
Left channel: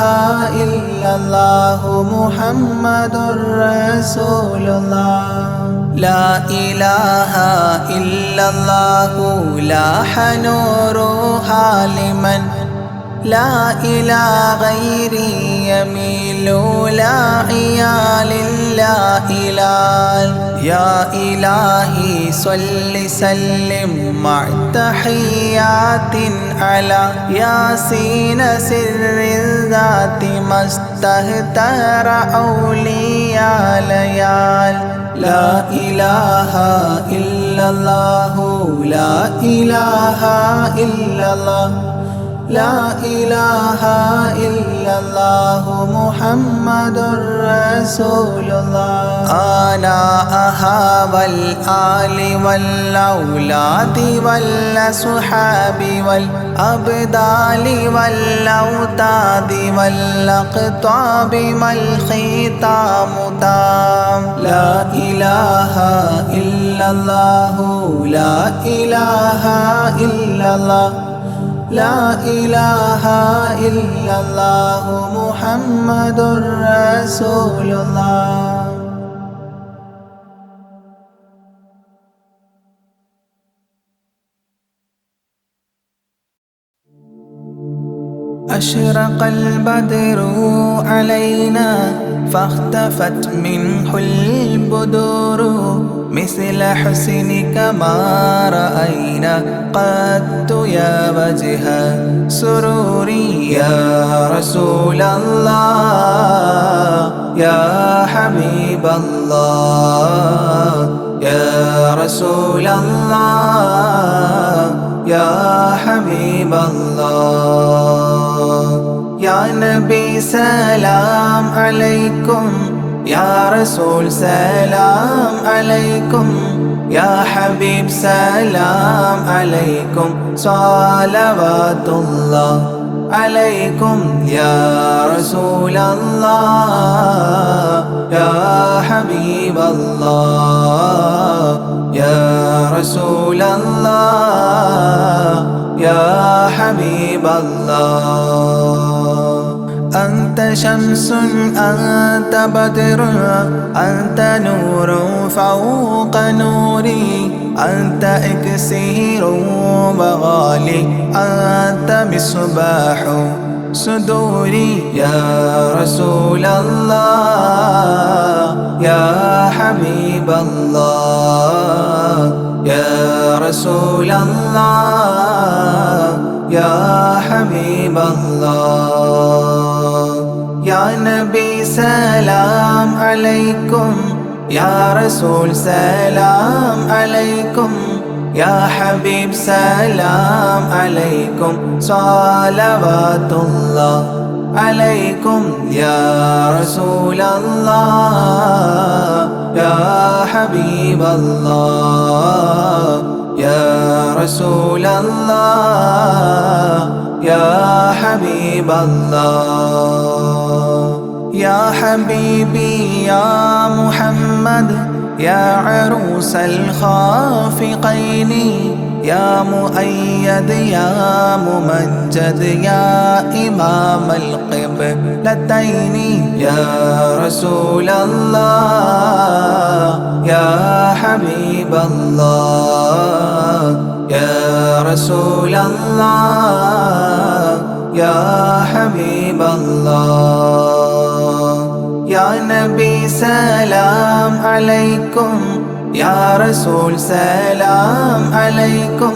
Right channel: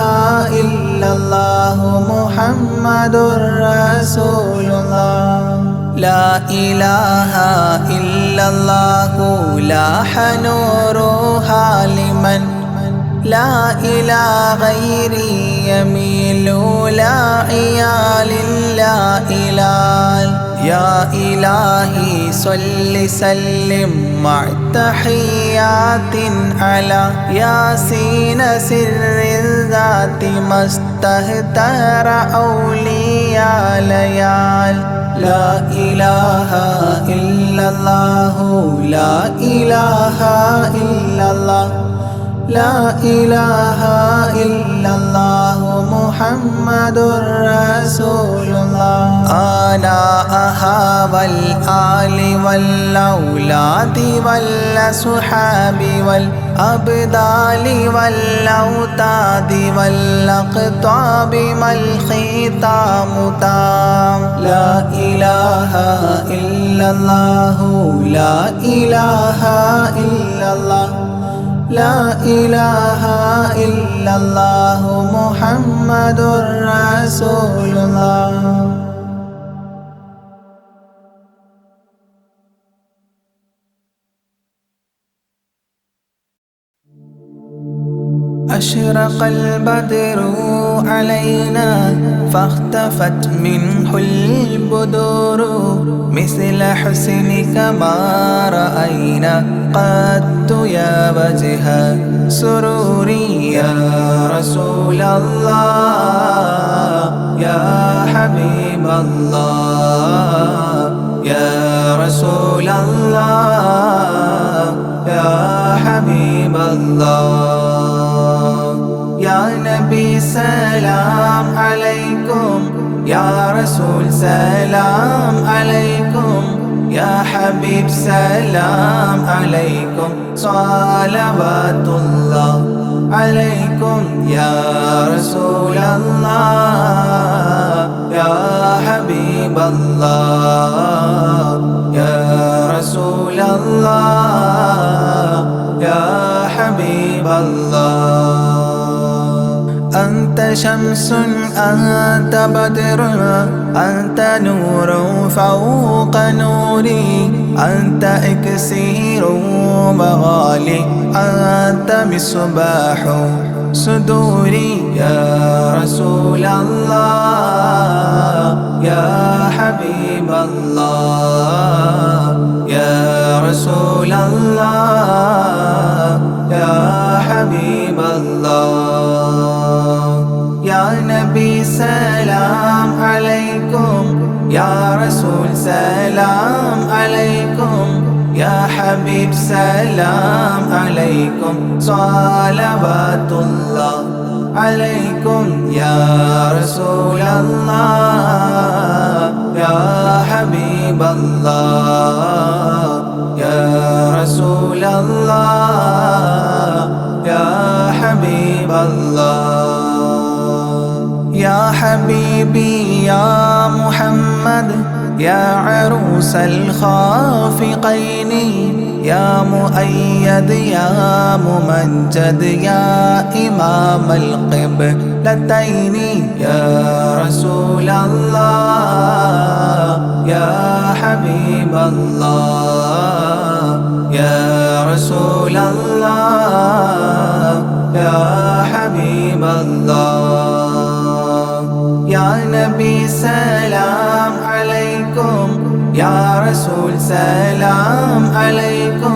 إلا الله محمد رسول الله. لا إله إلا الله لاح نورها لمن لا إلى غيري يميل لا عيال لا إله. يا إلهي صل سلم مع تحيات على ياسين سر الذات ما استهتر أولياء ليال. لا إله إلا الله لا إله إلا الله لا إله إلا الله محمد رسول الله. آناءها والآل والأولاد والأصحاب والأبدال والأوتاد والأقطاب ما الختام تام. لا إله إلا الله لا إله إلا الله لا إله إلا الله محمد رسول الله. أشرق البدر علينا فاختفت منه البدور مثل حسنك ما رأينا قدت يا وجه سروري. يا رسول الله يا حبيب الله يا رسول الله يا حبيب الله. يا نبي سلام عليكم يا رسول سلام عليكم يا حبيب سلام عليكم صلوات الله عليكم. يا رسول الله يا حبيب الله يا رسول الله يا حبيب الله. أنت شمس أنت بدر أنت نور فوق نوري أنت إكسير وغالي أنت مصباح صدوري. يا رسول الله يا حبيب الله يا رسول الله يا حبيب الله. يا نبي سلام عليكم يا رسول سلام عليكم يا حبيب سلام عليكم صلوات الله عليكم. يا رسول الله يا حبيب الله يا رسول الله يا حبيب الله. يا حبيبي يا محمد يا عروس الخافقين يا مؤيد يا ممجد يا إمام القبلتين. يا رسول الله يا حبيب الله يا رسول الله يا حبيب الله. يا نبي سلام عليكم يا رسول سلام عليكم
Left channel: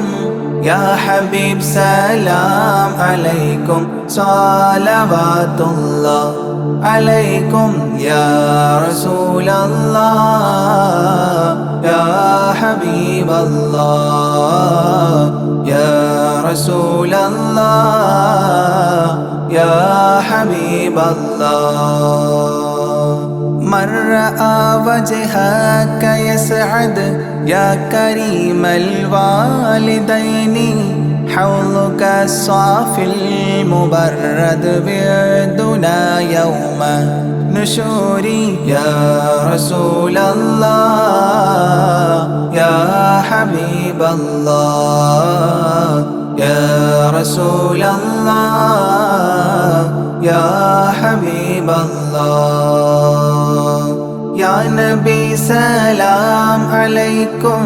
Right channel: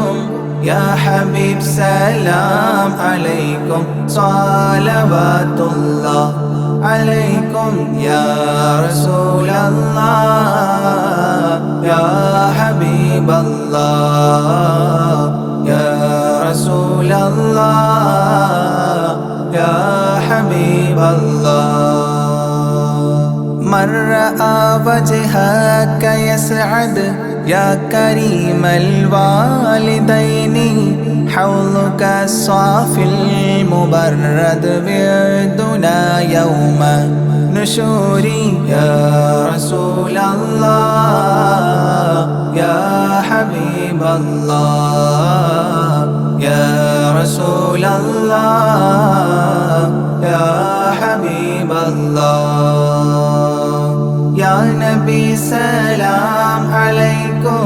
يا حبيب سلام عليكم صلوات الله عليكم يا رسول الله يا حبيب الله يا رسول الله يا حبيب الله من رأى وجهك يسعد يا كريم الوالدين حوضك الصافي المبرد بعدنا يوم نشوري يا رسول الله يا حبيب الله يا رسول الله يا حبيب الله يا نبي سلام عليكم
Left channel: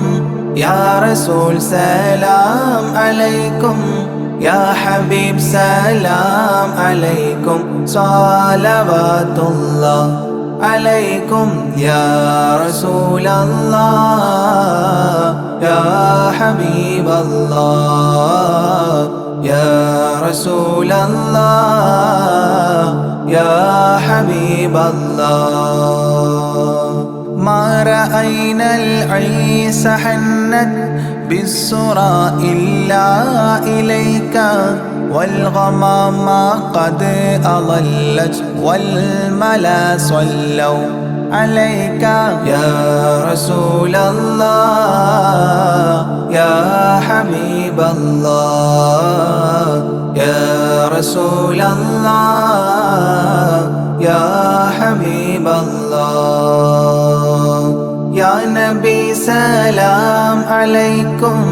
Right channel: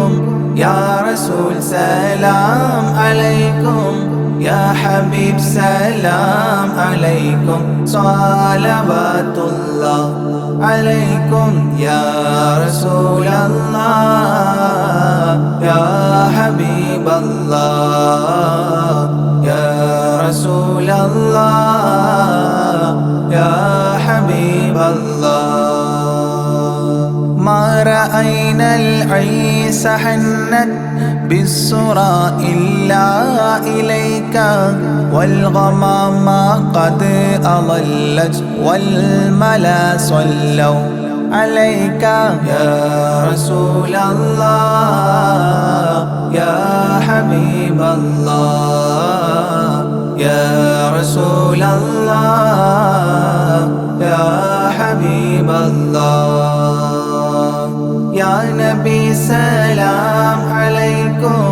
يا رسول سلام عليكم يا حبيب سلام عليكم صلوات الله عليكم يا رسول الله يا حبيب الله يا رسول الله يا حبيب الله ما رأينا العيس حنت بالسرى إلا إليك والغمام قد أضلت والملا صلوا عليك يا رسول الله يا حبيب الله يا رسول الله يا حبيب الله يا نبي سلام عليكم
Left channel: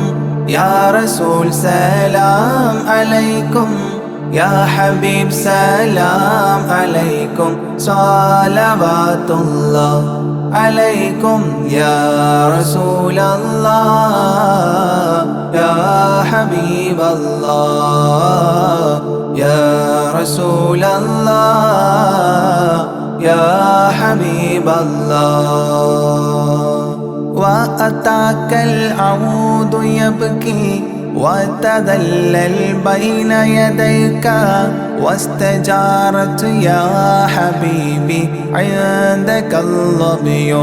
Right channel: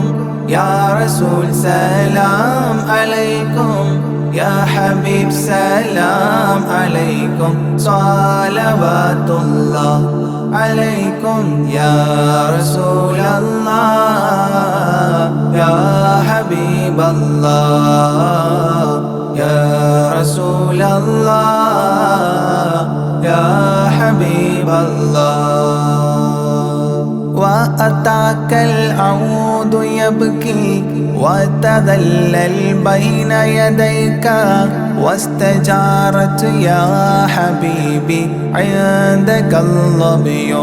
يا رسول سلام عليكم يا حبيب سلام عليكم صلوات الله عليكم يا رسول الله يا حبيب الله يا رسول الله يا حبيب الله وأتاك العود يبكي وتذلل بين يديك واستجارت يا حبيبي عندك الظبي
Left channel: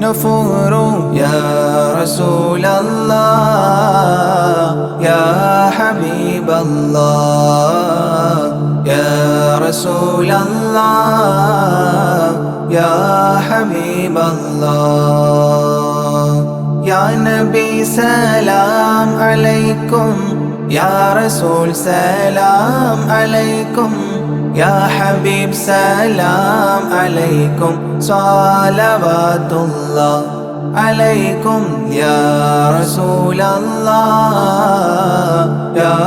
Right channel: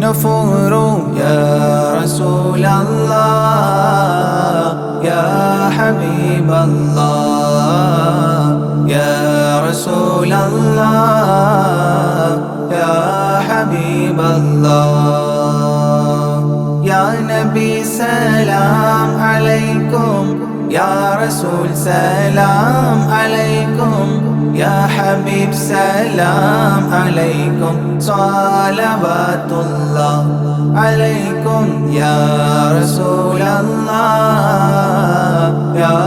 نفور يا رسول الله يا حبيب الله يا رسول الله يا حبيب الله يا نبي سلام عليكم يا رسول سلام عليكم يا حبيب سلام عليكم صلوات الله عليكم يا رسول الله يا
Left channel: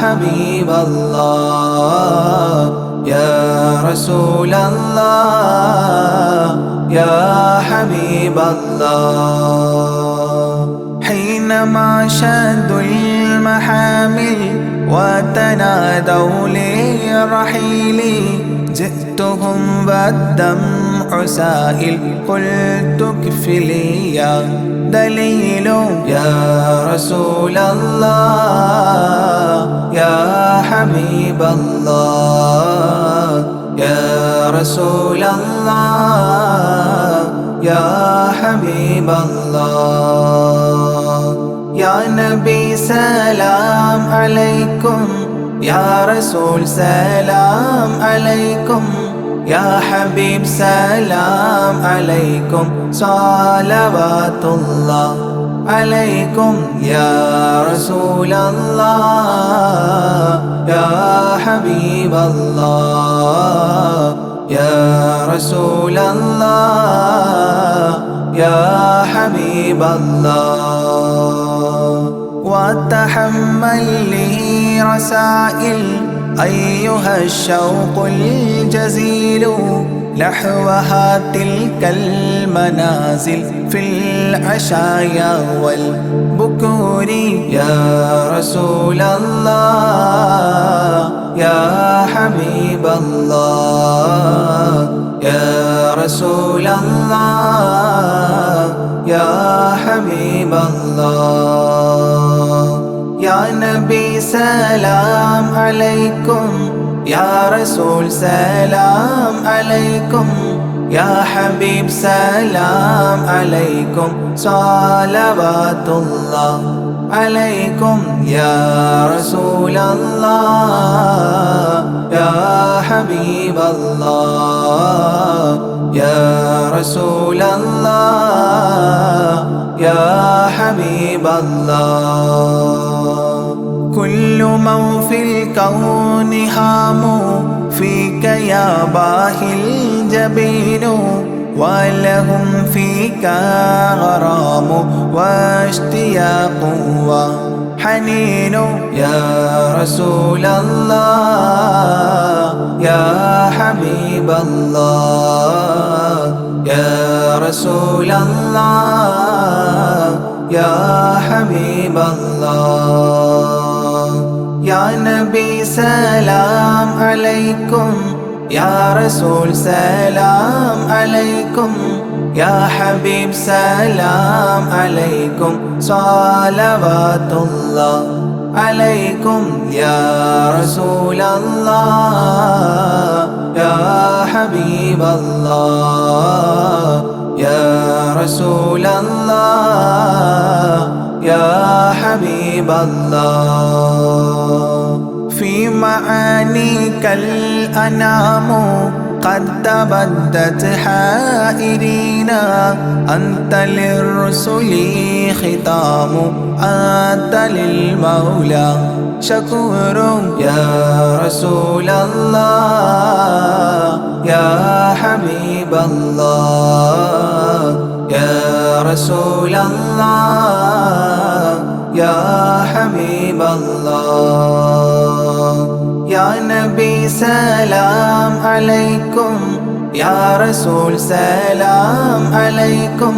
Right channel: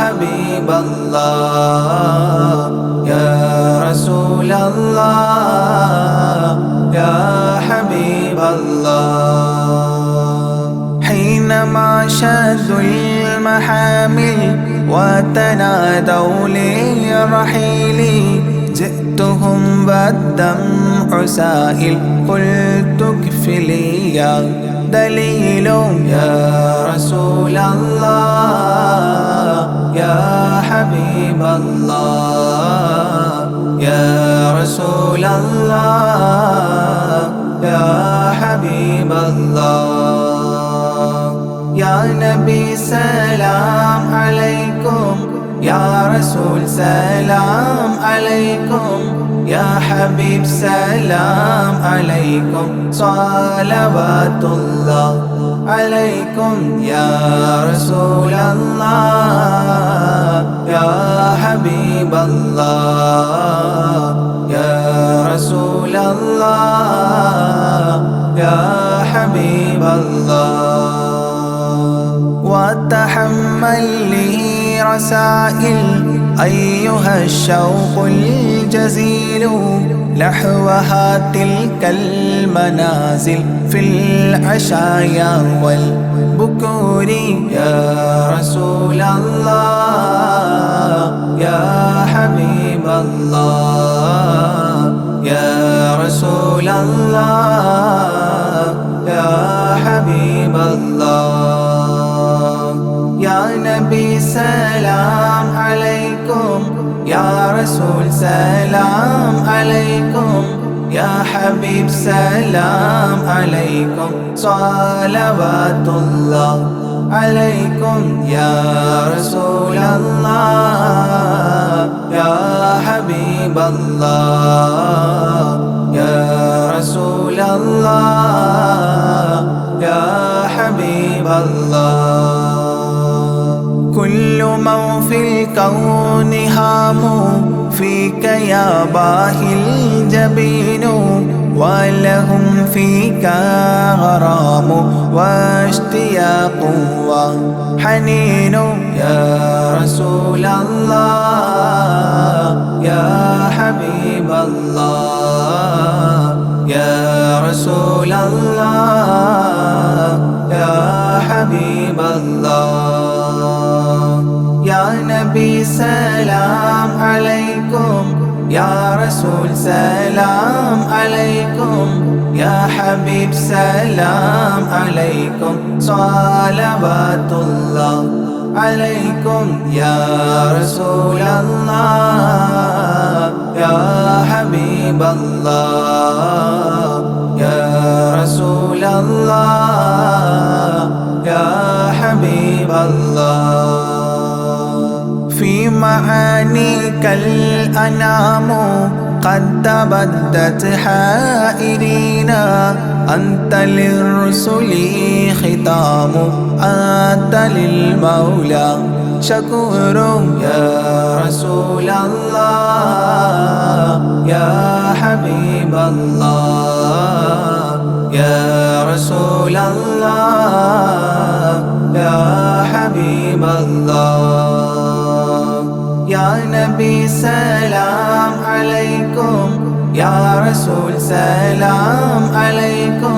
حبيب الله يا رسول الله يا حبيب الله حينما شدوا المحامل وتنادوا للرحيل جئتهم والدمع سائل قلت اكفلي يا دليل يا رسول الله يا حبيب الله يا رسول الله يا حبيب الله يا نبي سلام عليكم يا رسول سلام عليكم يا حبيب سلام عليكم صلوات الله عليكم يا رسول الله يا حبيب الله يا رسول الله يا حبيب الله وتحمل لي رسائل أيها الشوق الجزيل نحوها تلك المنازل في العشايا والبكور يا رسول الله يا حبيب الله يا رسول الله يا حبيب الله يا سلام عليكم يا رسول سلام عليكم يا حبيب سلام عليكم صلوات الله عليكم يا رسول الله يا حبيب الله يا رسول الله يا حبيب الله كل من في الكون هام فيك يا باهي الجبين ولهم فيك غرام واشتياق وحنين يا رسول الله يا حبيب الله يا رسول الله يا حبيب الله يا نبي سلام عليكم يا رسول سلام عليكم يا حبيب سلام عليكم صلوات الله عليكم يا رسول الله يا حبيب الله يا رسول الله يا حبيب الله في معانيك الأنام قد تبدت حائرين أنت للرسل ختام أنت للمولى شكور يا رسول الله يا حبيب الله يا رسول الله يا حبيب الله يا نبي سلام عليكم يا رسول سلام عليكم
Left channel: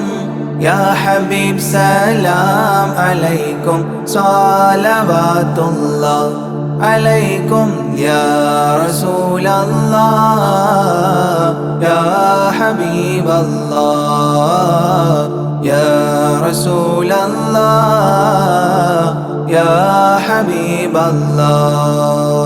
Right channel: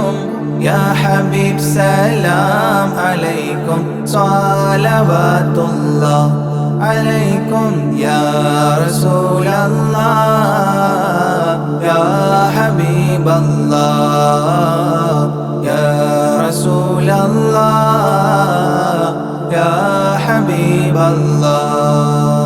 يا حبيب سلام عليكم صلوات الله عليكم يا رسول الله يا حبيب الله يا رسول الله يا حبيب الله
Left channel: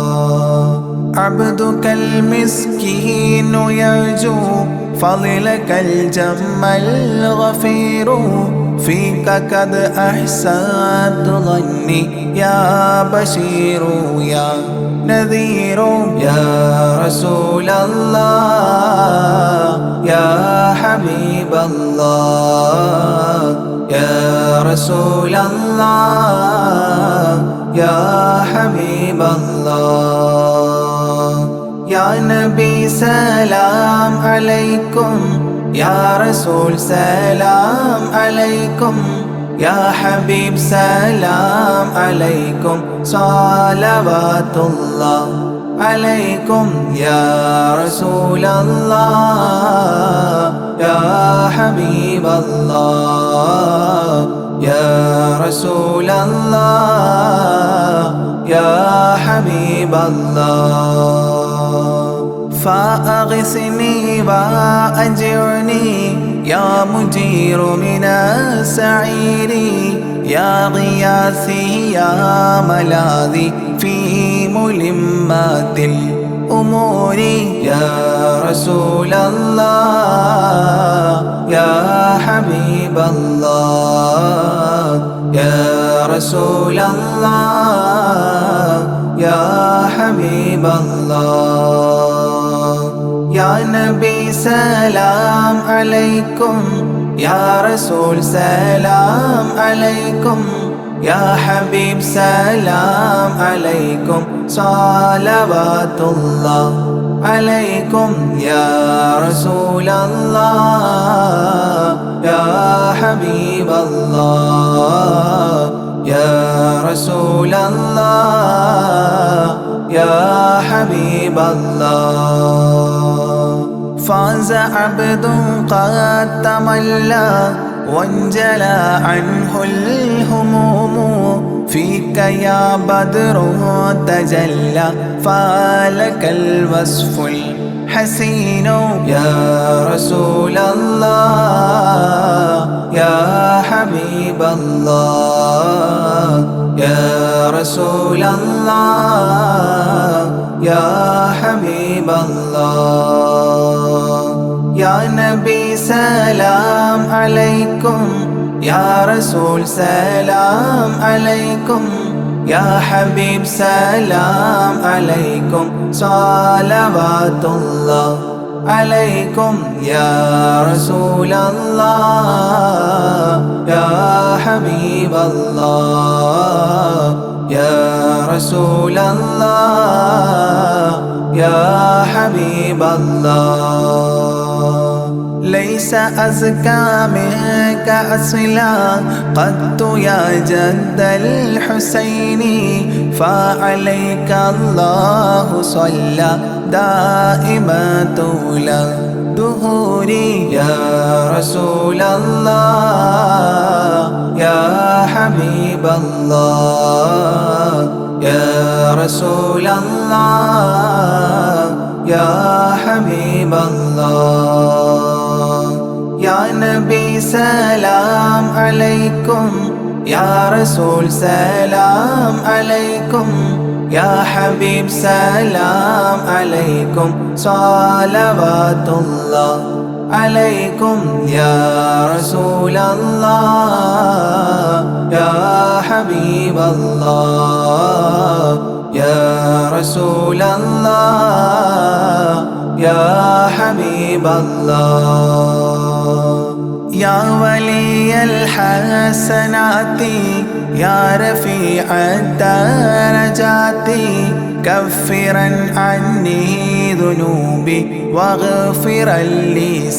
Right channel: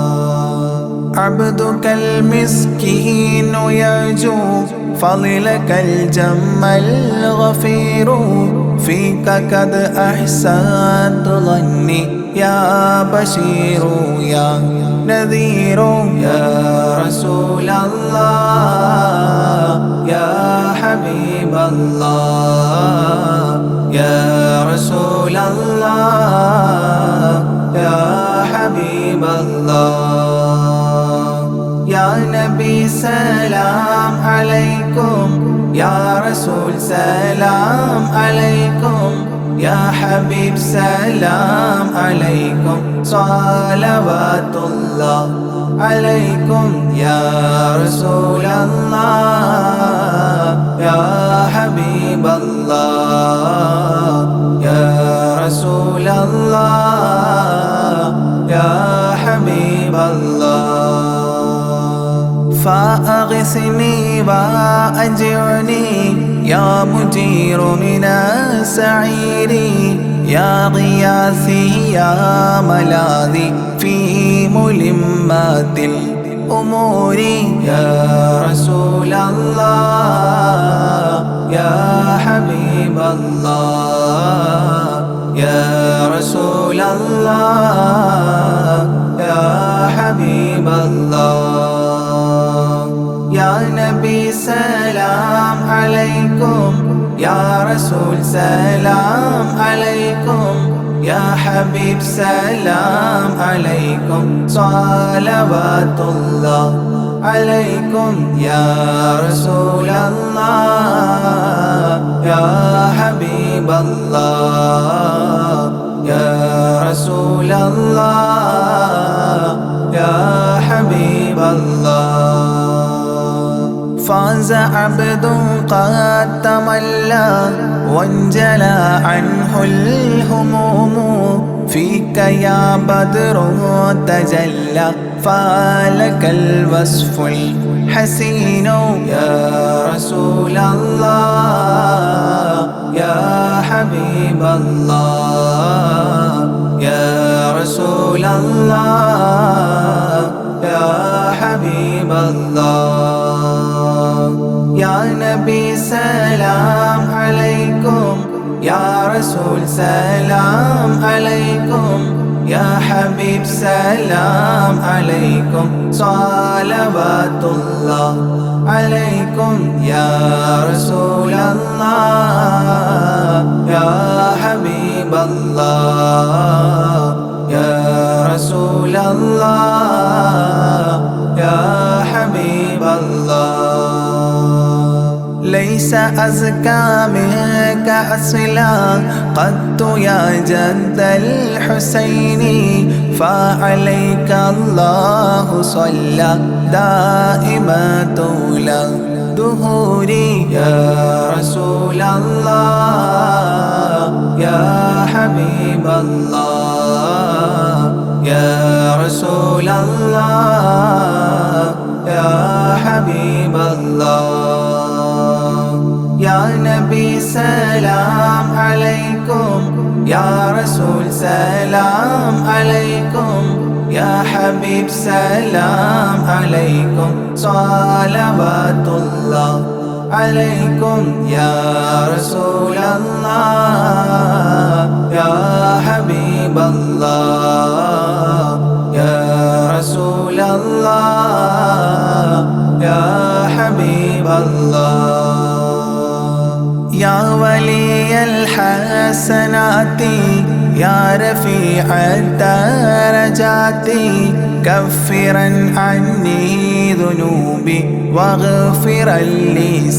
عبدك المسكين يرجو فضلك الجم الغفير فيك قد أحسنت ظني يا بشير يا نذير يا رسول الله يا حبيب الله يا رسول الله يا حبيب الله يا نبي سلام عليكم يا رسول سلام عليكم يا حبيب سلام عليكم صلوات الله عليكم يا رسول الله يا حبيب الله يا رسول الله يا حبيب الله فأغثني وأجرني يا مجير من السعير يا غياثي يا ملاذي في ملمات الأمور يا رسول الله يا حبيب الله يا رسول الله يا حبيب الله يا نبي سلام عليكم يا رسول سلام عليكم يا حبيب سلام عليكم صلوات الله عليكم يا رسول الله يا حبيب الله يا رسول الله يا حبيب الله فاز عبد قد تملى وانجلى عنه الهموم فيك يا بدر تجلى فلك الوصف الحسين يا رسول الله يا حبيب الله يا رسول رسول الله يا حبيب الله يا نبي سلام عليكم يا رسول سلام عليكم يا حبيب سلام عليكم صلوات الله عليكم يا رسول الله يا حبيب الله يا رسول الله يا حبيب الله ليس أزكى منك أصلا قد يا جد الحسين فعليك الله صلى دائما طول دهوري يا رسول الله يا حبيب الله يا رسول الله يا حبيب الله يا نبي سلام عليكم يا رسول سلام عليكم يا حبيب سلام عليكم صلوات الله عليكم يا رسول الله يا حبيب الله يا رسول الله يا حبيب الله يا ولي الحسنات يا رفيع الدرجات كفرا عني ذنوبي واغفرا لي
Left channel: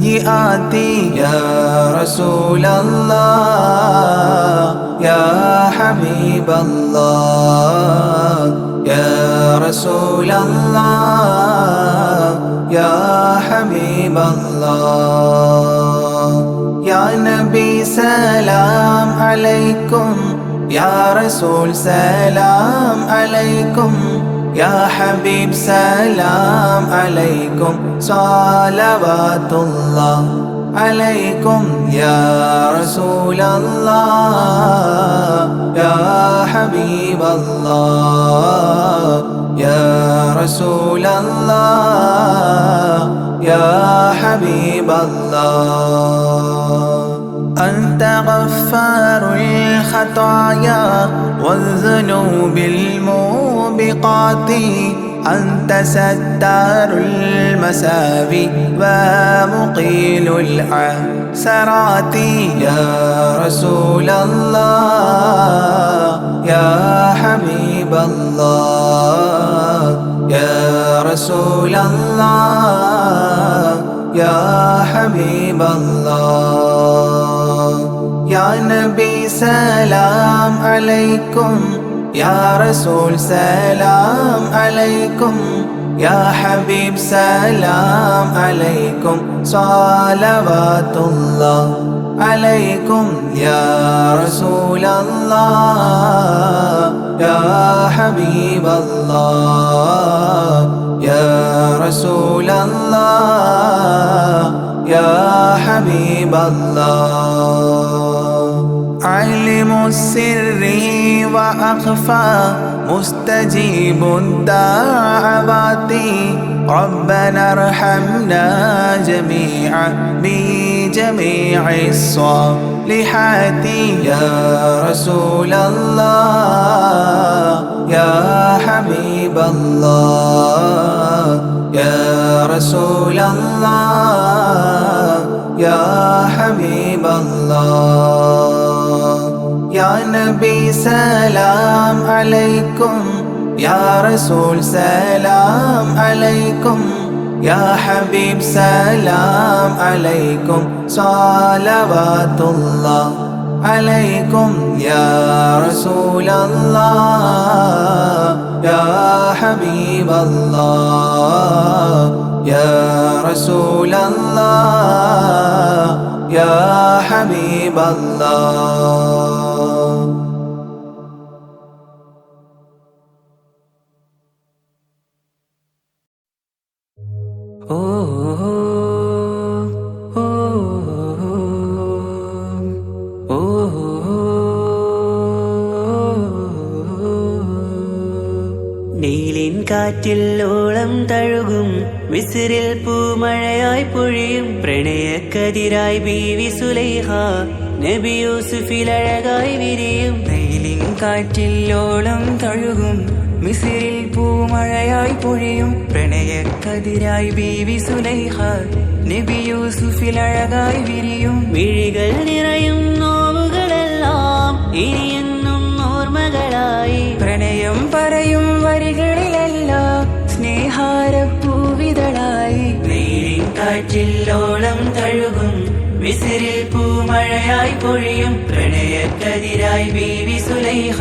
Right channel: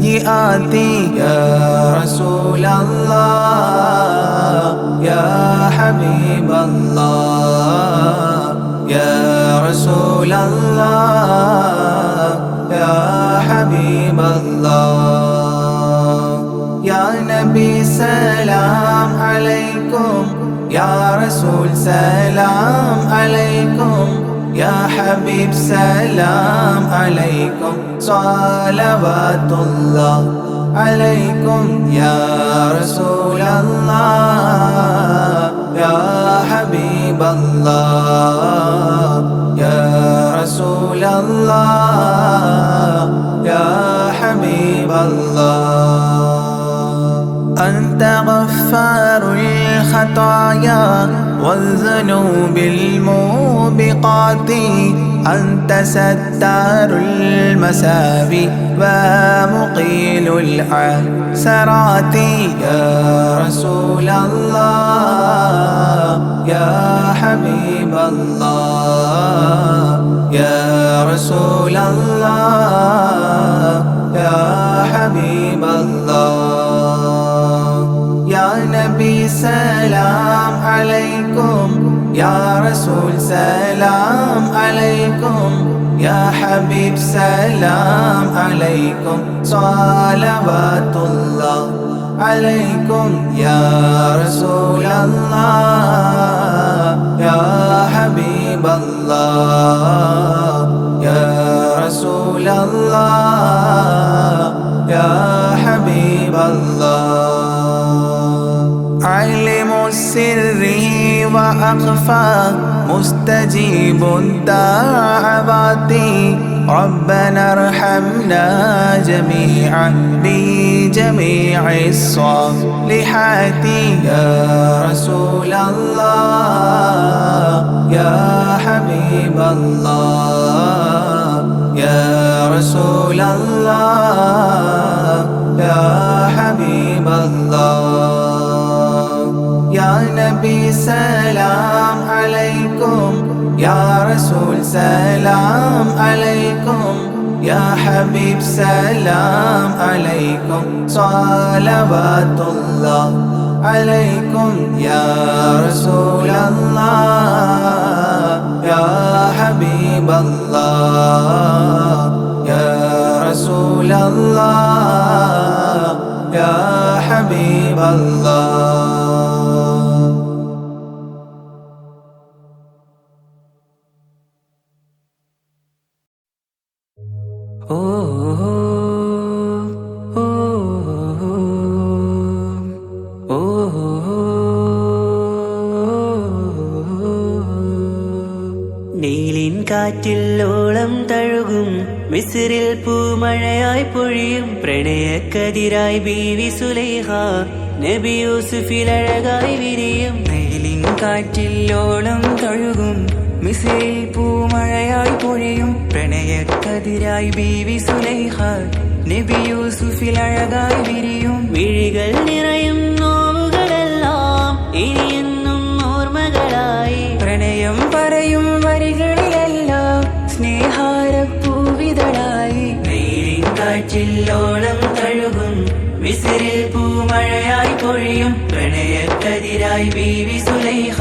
سيئاتي يا رسول الله يا حبيب الله يا رسول الله يا حبيب الله يا نبي سلام عليكم يا رسول سلام عليكم يا حبيب سلام عليكم صلوات الله عليكم يا رسول الله يا حبيب الله يا رسول الله يا حبيب الله أنت غفار الخطايا والذنوب الموبقات أنت ستار المساوي ومقيل العثرات يا رسول الله يا حبيب الله يا رسول الله يا حبيب الله يا نبي سلام عليكم يا رسول سلام عليكم يا حبيب سلام عليكم صلوات الله عليكم يا رسول الله يا حبيب الله يا رسول الله يا حبيب الله علم السر وأخفى مستجيب الدعوات ربنا ارحمنا جميعا بجميع الصالحات يا رسول الله يا حبيب الله يا رسول الله يا حبيب الله يا نبي سلام عليكم يا رسول سلام عليكم يا حبيب سلام عليكم صلوات الله عليكم يا رسول الله يا حبيب الله يا رسول الله يا حبيب الله കാറ്റിൽ ഓളം തഴുകും മിസ്രിൽ പൂമഴയായി പൊഴിയും പ്രണയക്കതിരായി ബീവി സുലൈഹ നബി യൂസുഫിൽ അഴകായി വിരിയും വെയിലിൻ കാറ്റിൽ ഓളം തഴുകും മിസ്രിൽ പൂമഴയായി പൊഴിയും പ്രണയക്കതിരായി ബീവി സുലൈഹ നബി യൂസുഫിൽ അഴകായി വിരിയും മിഴികൾ നിറയും നോവുകളെല്ലാം ഇനിയെന്നും ഓർമ്മകളായി പ്രണയം പറയും വരികളിലെല്ലാം സ്നേഹാരപ്പൂവിതളായി വെയിലിൻ കാറ്റിൽ ഓളം തഴുകും മിസ്രിൽ പൂമഴയായി പൊഴിയും പ്രണയക്കതിരായി ബീവി സുലൈഹ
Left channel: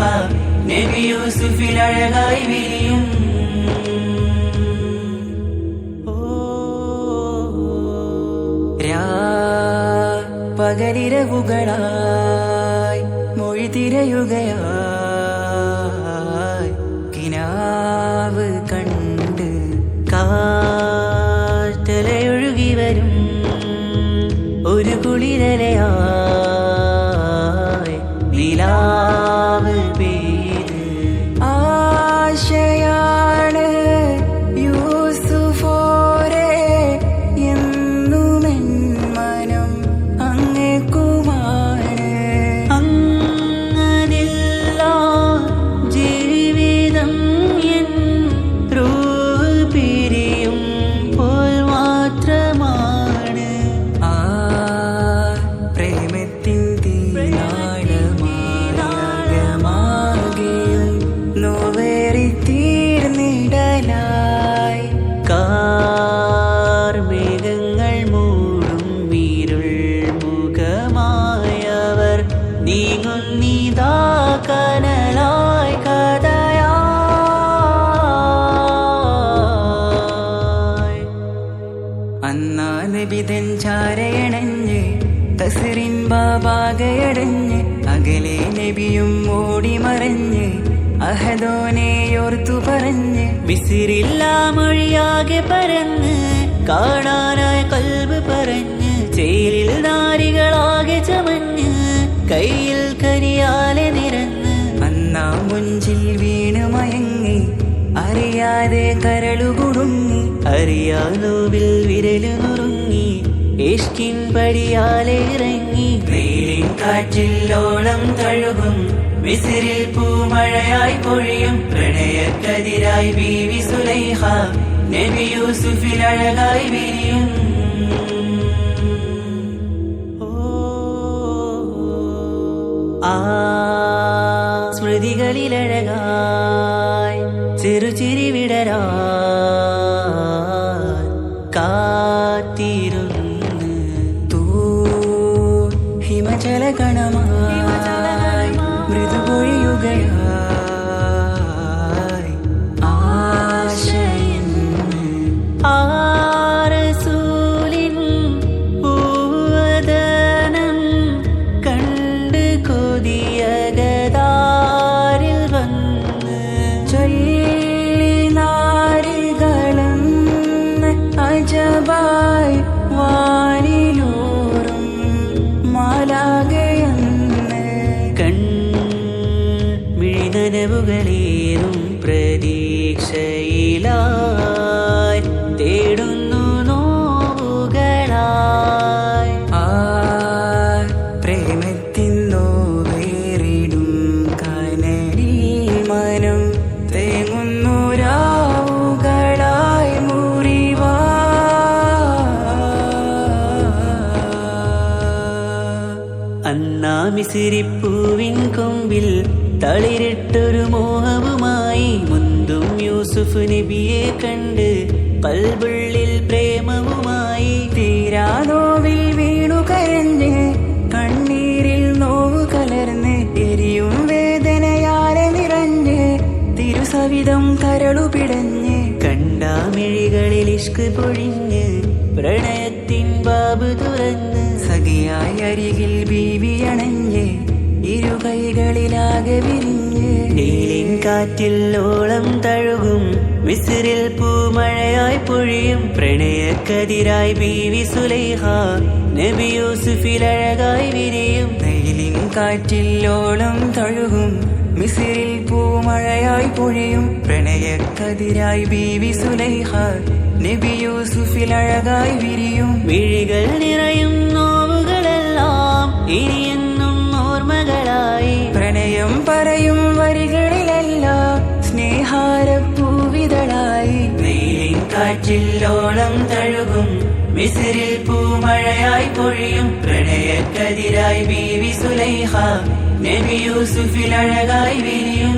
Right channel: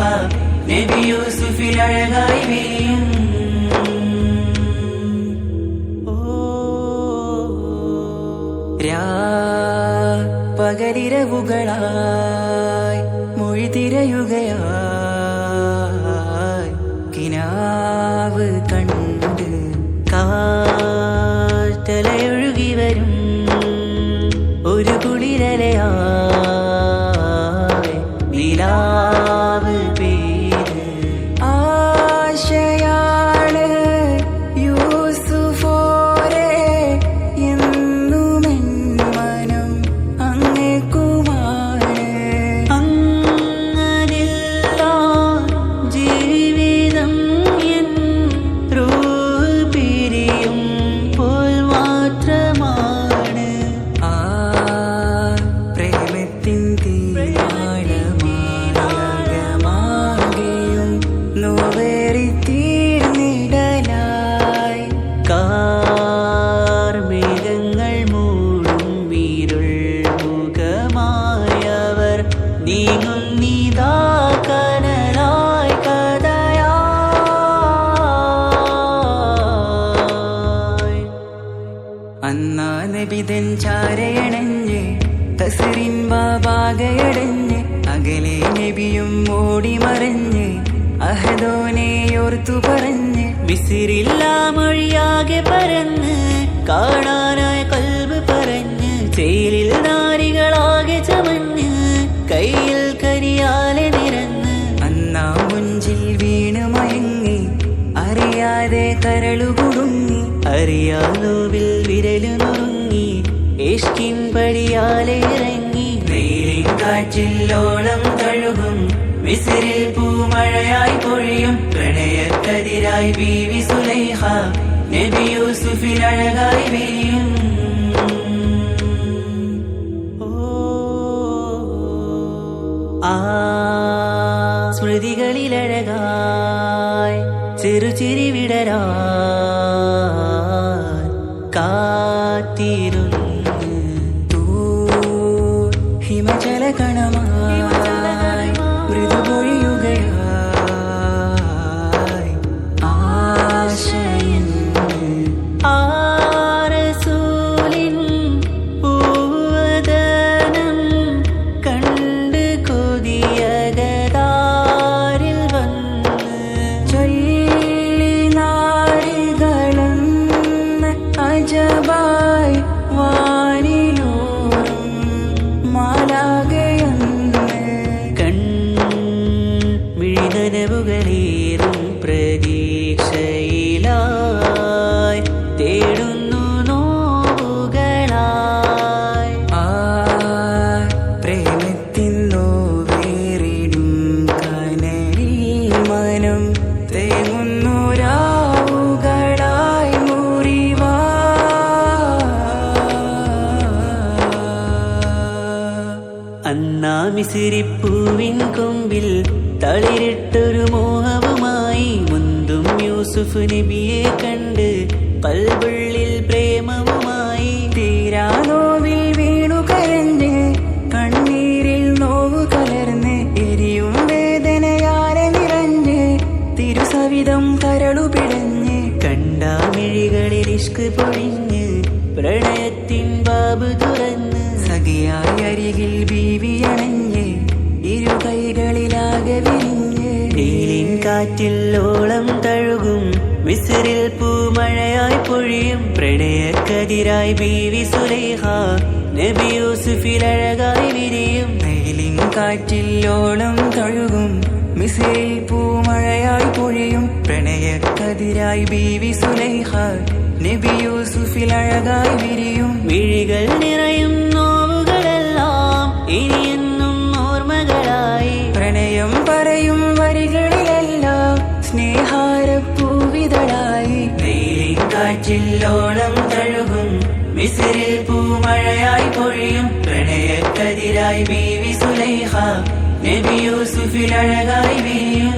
നബി യൂസുഫിൽ അഴകായി വിരിയും പകലിരവുകളായി മൊഴി തിരയുകയായി കിനാവ് കണ്ട് കാറ്റലയൊഴുകി വരും ഒരു കുളിരലയായി നിലാവ് പെയ്ത് ആശയാണ് യൂസുഫോരെ എന്നുമെൻ മനം അങ്ങേക്കുമാണ് അങ്ങനില്ല ജീവിതം എൻ റൂഹ് പിരിയും പോൽ മാത്രമാണ് ആ പ്രേമത്തിൻ തീരാളമാകെയും നോവേറി തീർന്നിടലായി കാർമേഘങ്ങൾ മൂടും വീരുൾ മുഖമായവർ നീങ്ങുന്നിതാ കനലായി കഥയായി അന്നാ നബിതൻ ചാരയണഞ്ഞ് തസറിൻ ബാബാകയടഞ്ഞ് അകലെ നബിയും ഓടിമറഞ്ഞ് അഹദോനെയോർത്തു പറഞ്ഞ് മിസിറില്ല മൊഴിയാകെ പരന്ന് കാണാനായ കൽബ് പറഞ്ഞ് ചേലിൽ നാരികളാകെ ചമഞ്ഞ് കയ്യിൽ കരിയാലെ നിരന്ന് അന്നാ മുഞ്ചിൽ വീണ് മയങ്ങി അറിയാതെ കരളുകുടുങ്ങി അറിയാലോവിൽ വിരലു നുറുങ്ങി ഇഷ്കിൻ പടിയാലെ ഇറങ്ങി വെയിലിൻ കാറ്റിൽ ഓളം തഴുകും മിസ്രിൽ പൂമഴയായി പൊഴിയും പ്രണയക്കതിരായി ബീവി സുലൈഹ നബി യൂസുഫിൽ അഴകായി വിരിയും ആ സ്മൃതികളിലഴകായി ചെറുചിരി വിടരാൻ കാത്തിരുന്ന് ഹിമജല കണമായി മൃദുപൊഴിയുകയായി ആശയെന്ന് ആരസൂലിൻ പൂവദനം കണ്ട് കൊതിയകതാരിൽ വന്ന് ചൊല്ലി നാരികളെന്ന് അജബായി വാനിലൂറും മാലാകയെന്ന് മിഴിനനവുകളേറും പ്രതീക്ഷയിലായി തേടുന്നു നോവുകളായി ആ പ്രേമത്തിൻ നോവേറിടും കനലിൽ മനം തേങ്ങുന്നു രാവുകളായി മുറിവാ അന്നാ മിസിരിപ്പൂവിൻ കൊമ്പിൽ തളിരിട്ടൊരു മോഹവുമായി മുന്തും യൂസുഫ് നബിയെ കണ്ട് കൽബുള്ളിൽ പ്രേമവുമായി തീരാനോവിൽ വീണു കരഞ്ഞ് കണ്ണീരിൽ നോവു കലർന്ന് എരിയും വേദനയാലെ നിറഞ്ഞ് തിരുസവിധം കരളു പിടഞ്ഞ് കണ്ടാമിഴികളിൽ ഇഷ്ക് പൊഴിഞ്ഞ് പ്രണയത്തിൻ ബാബ് തുറന്ന് സഖിയായി അരികിൽ ബീവിയണഞ്ഞ് ഇരു കൈകളിലാകെ വിരിഞ്ഞ് നീലിൻ കാറ്റിൽ ഓളം തഴുകും മിസ്രിൽ പൂമഴയായി പൊഴിയും പ്രണയക്കതിരായി ബീവി സുലൈഹ നബി യൂസുഫിൽ അഴകായി വിരിയും വെയിലിൻ കാറ്റിൽ ഓളം തഴുകും മിസ്രിൽ പൂമഴയായി പൊഴിയും പ്രണയക്കതിരായി ബീവി സുലൈഹ നബി യൂസുഫിൽ അഴകായി വിരിയും മിഴികൾ നിറയും നോവുകളെല്ലാം ഇനിയെന്നും ഓർമ്മകളായി പ്രണയം പറയും വരികളിലെല്ലാം സ്നേഹാരപ്പൂവിതളായി വെയിലിൻ കാറ്റില്ലോളം തഴുകും മിസ്രിൽ പൂമഴയായി പൊഴിയും പ്രണയക്കതിരായി ബീവി സുലൈഹ നബി യൂസുഫിൽ അഴകായി വിരിയും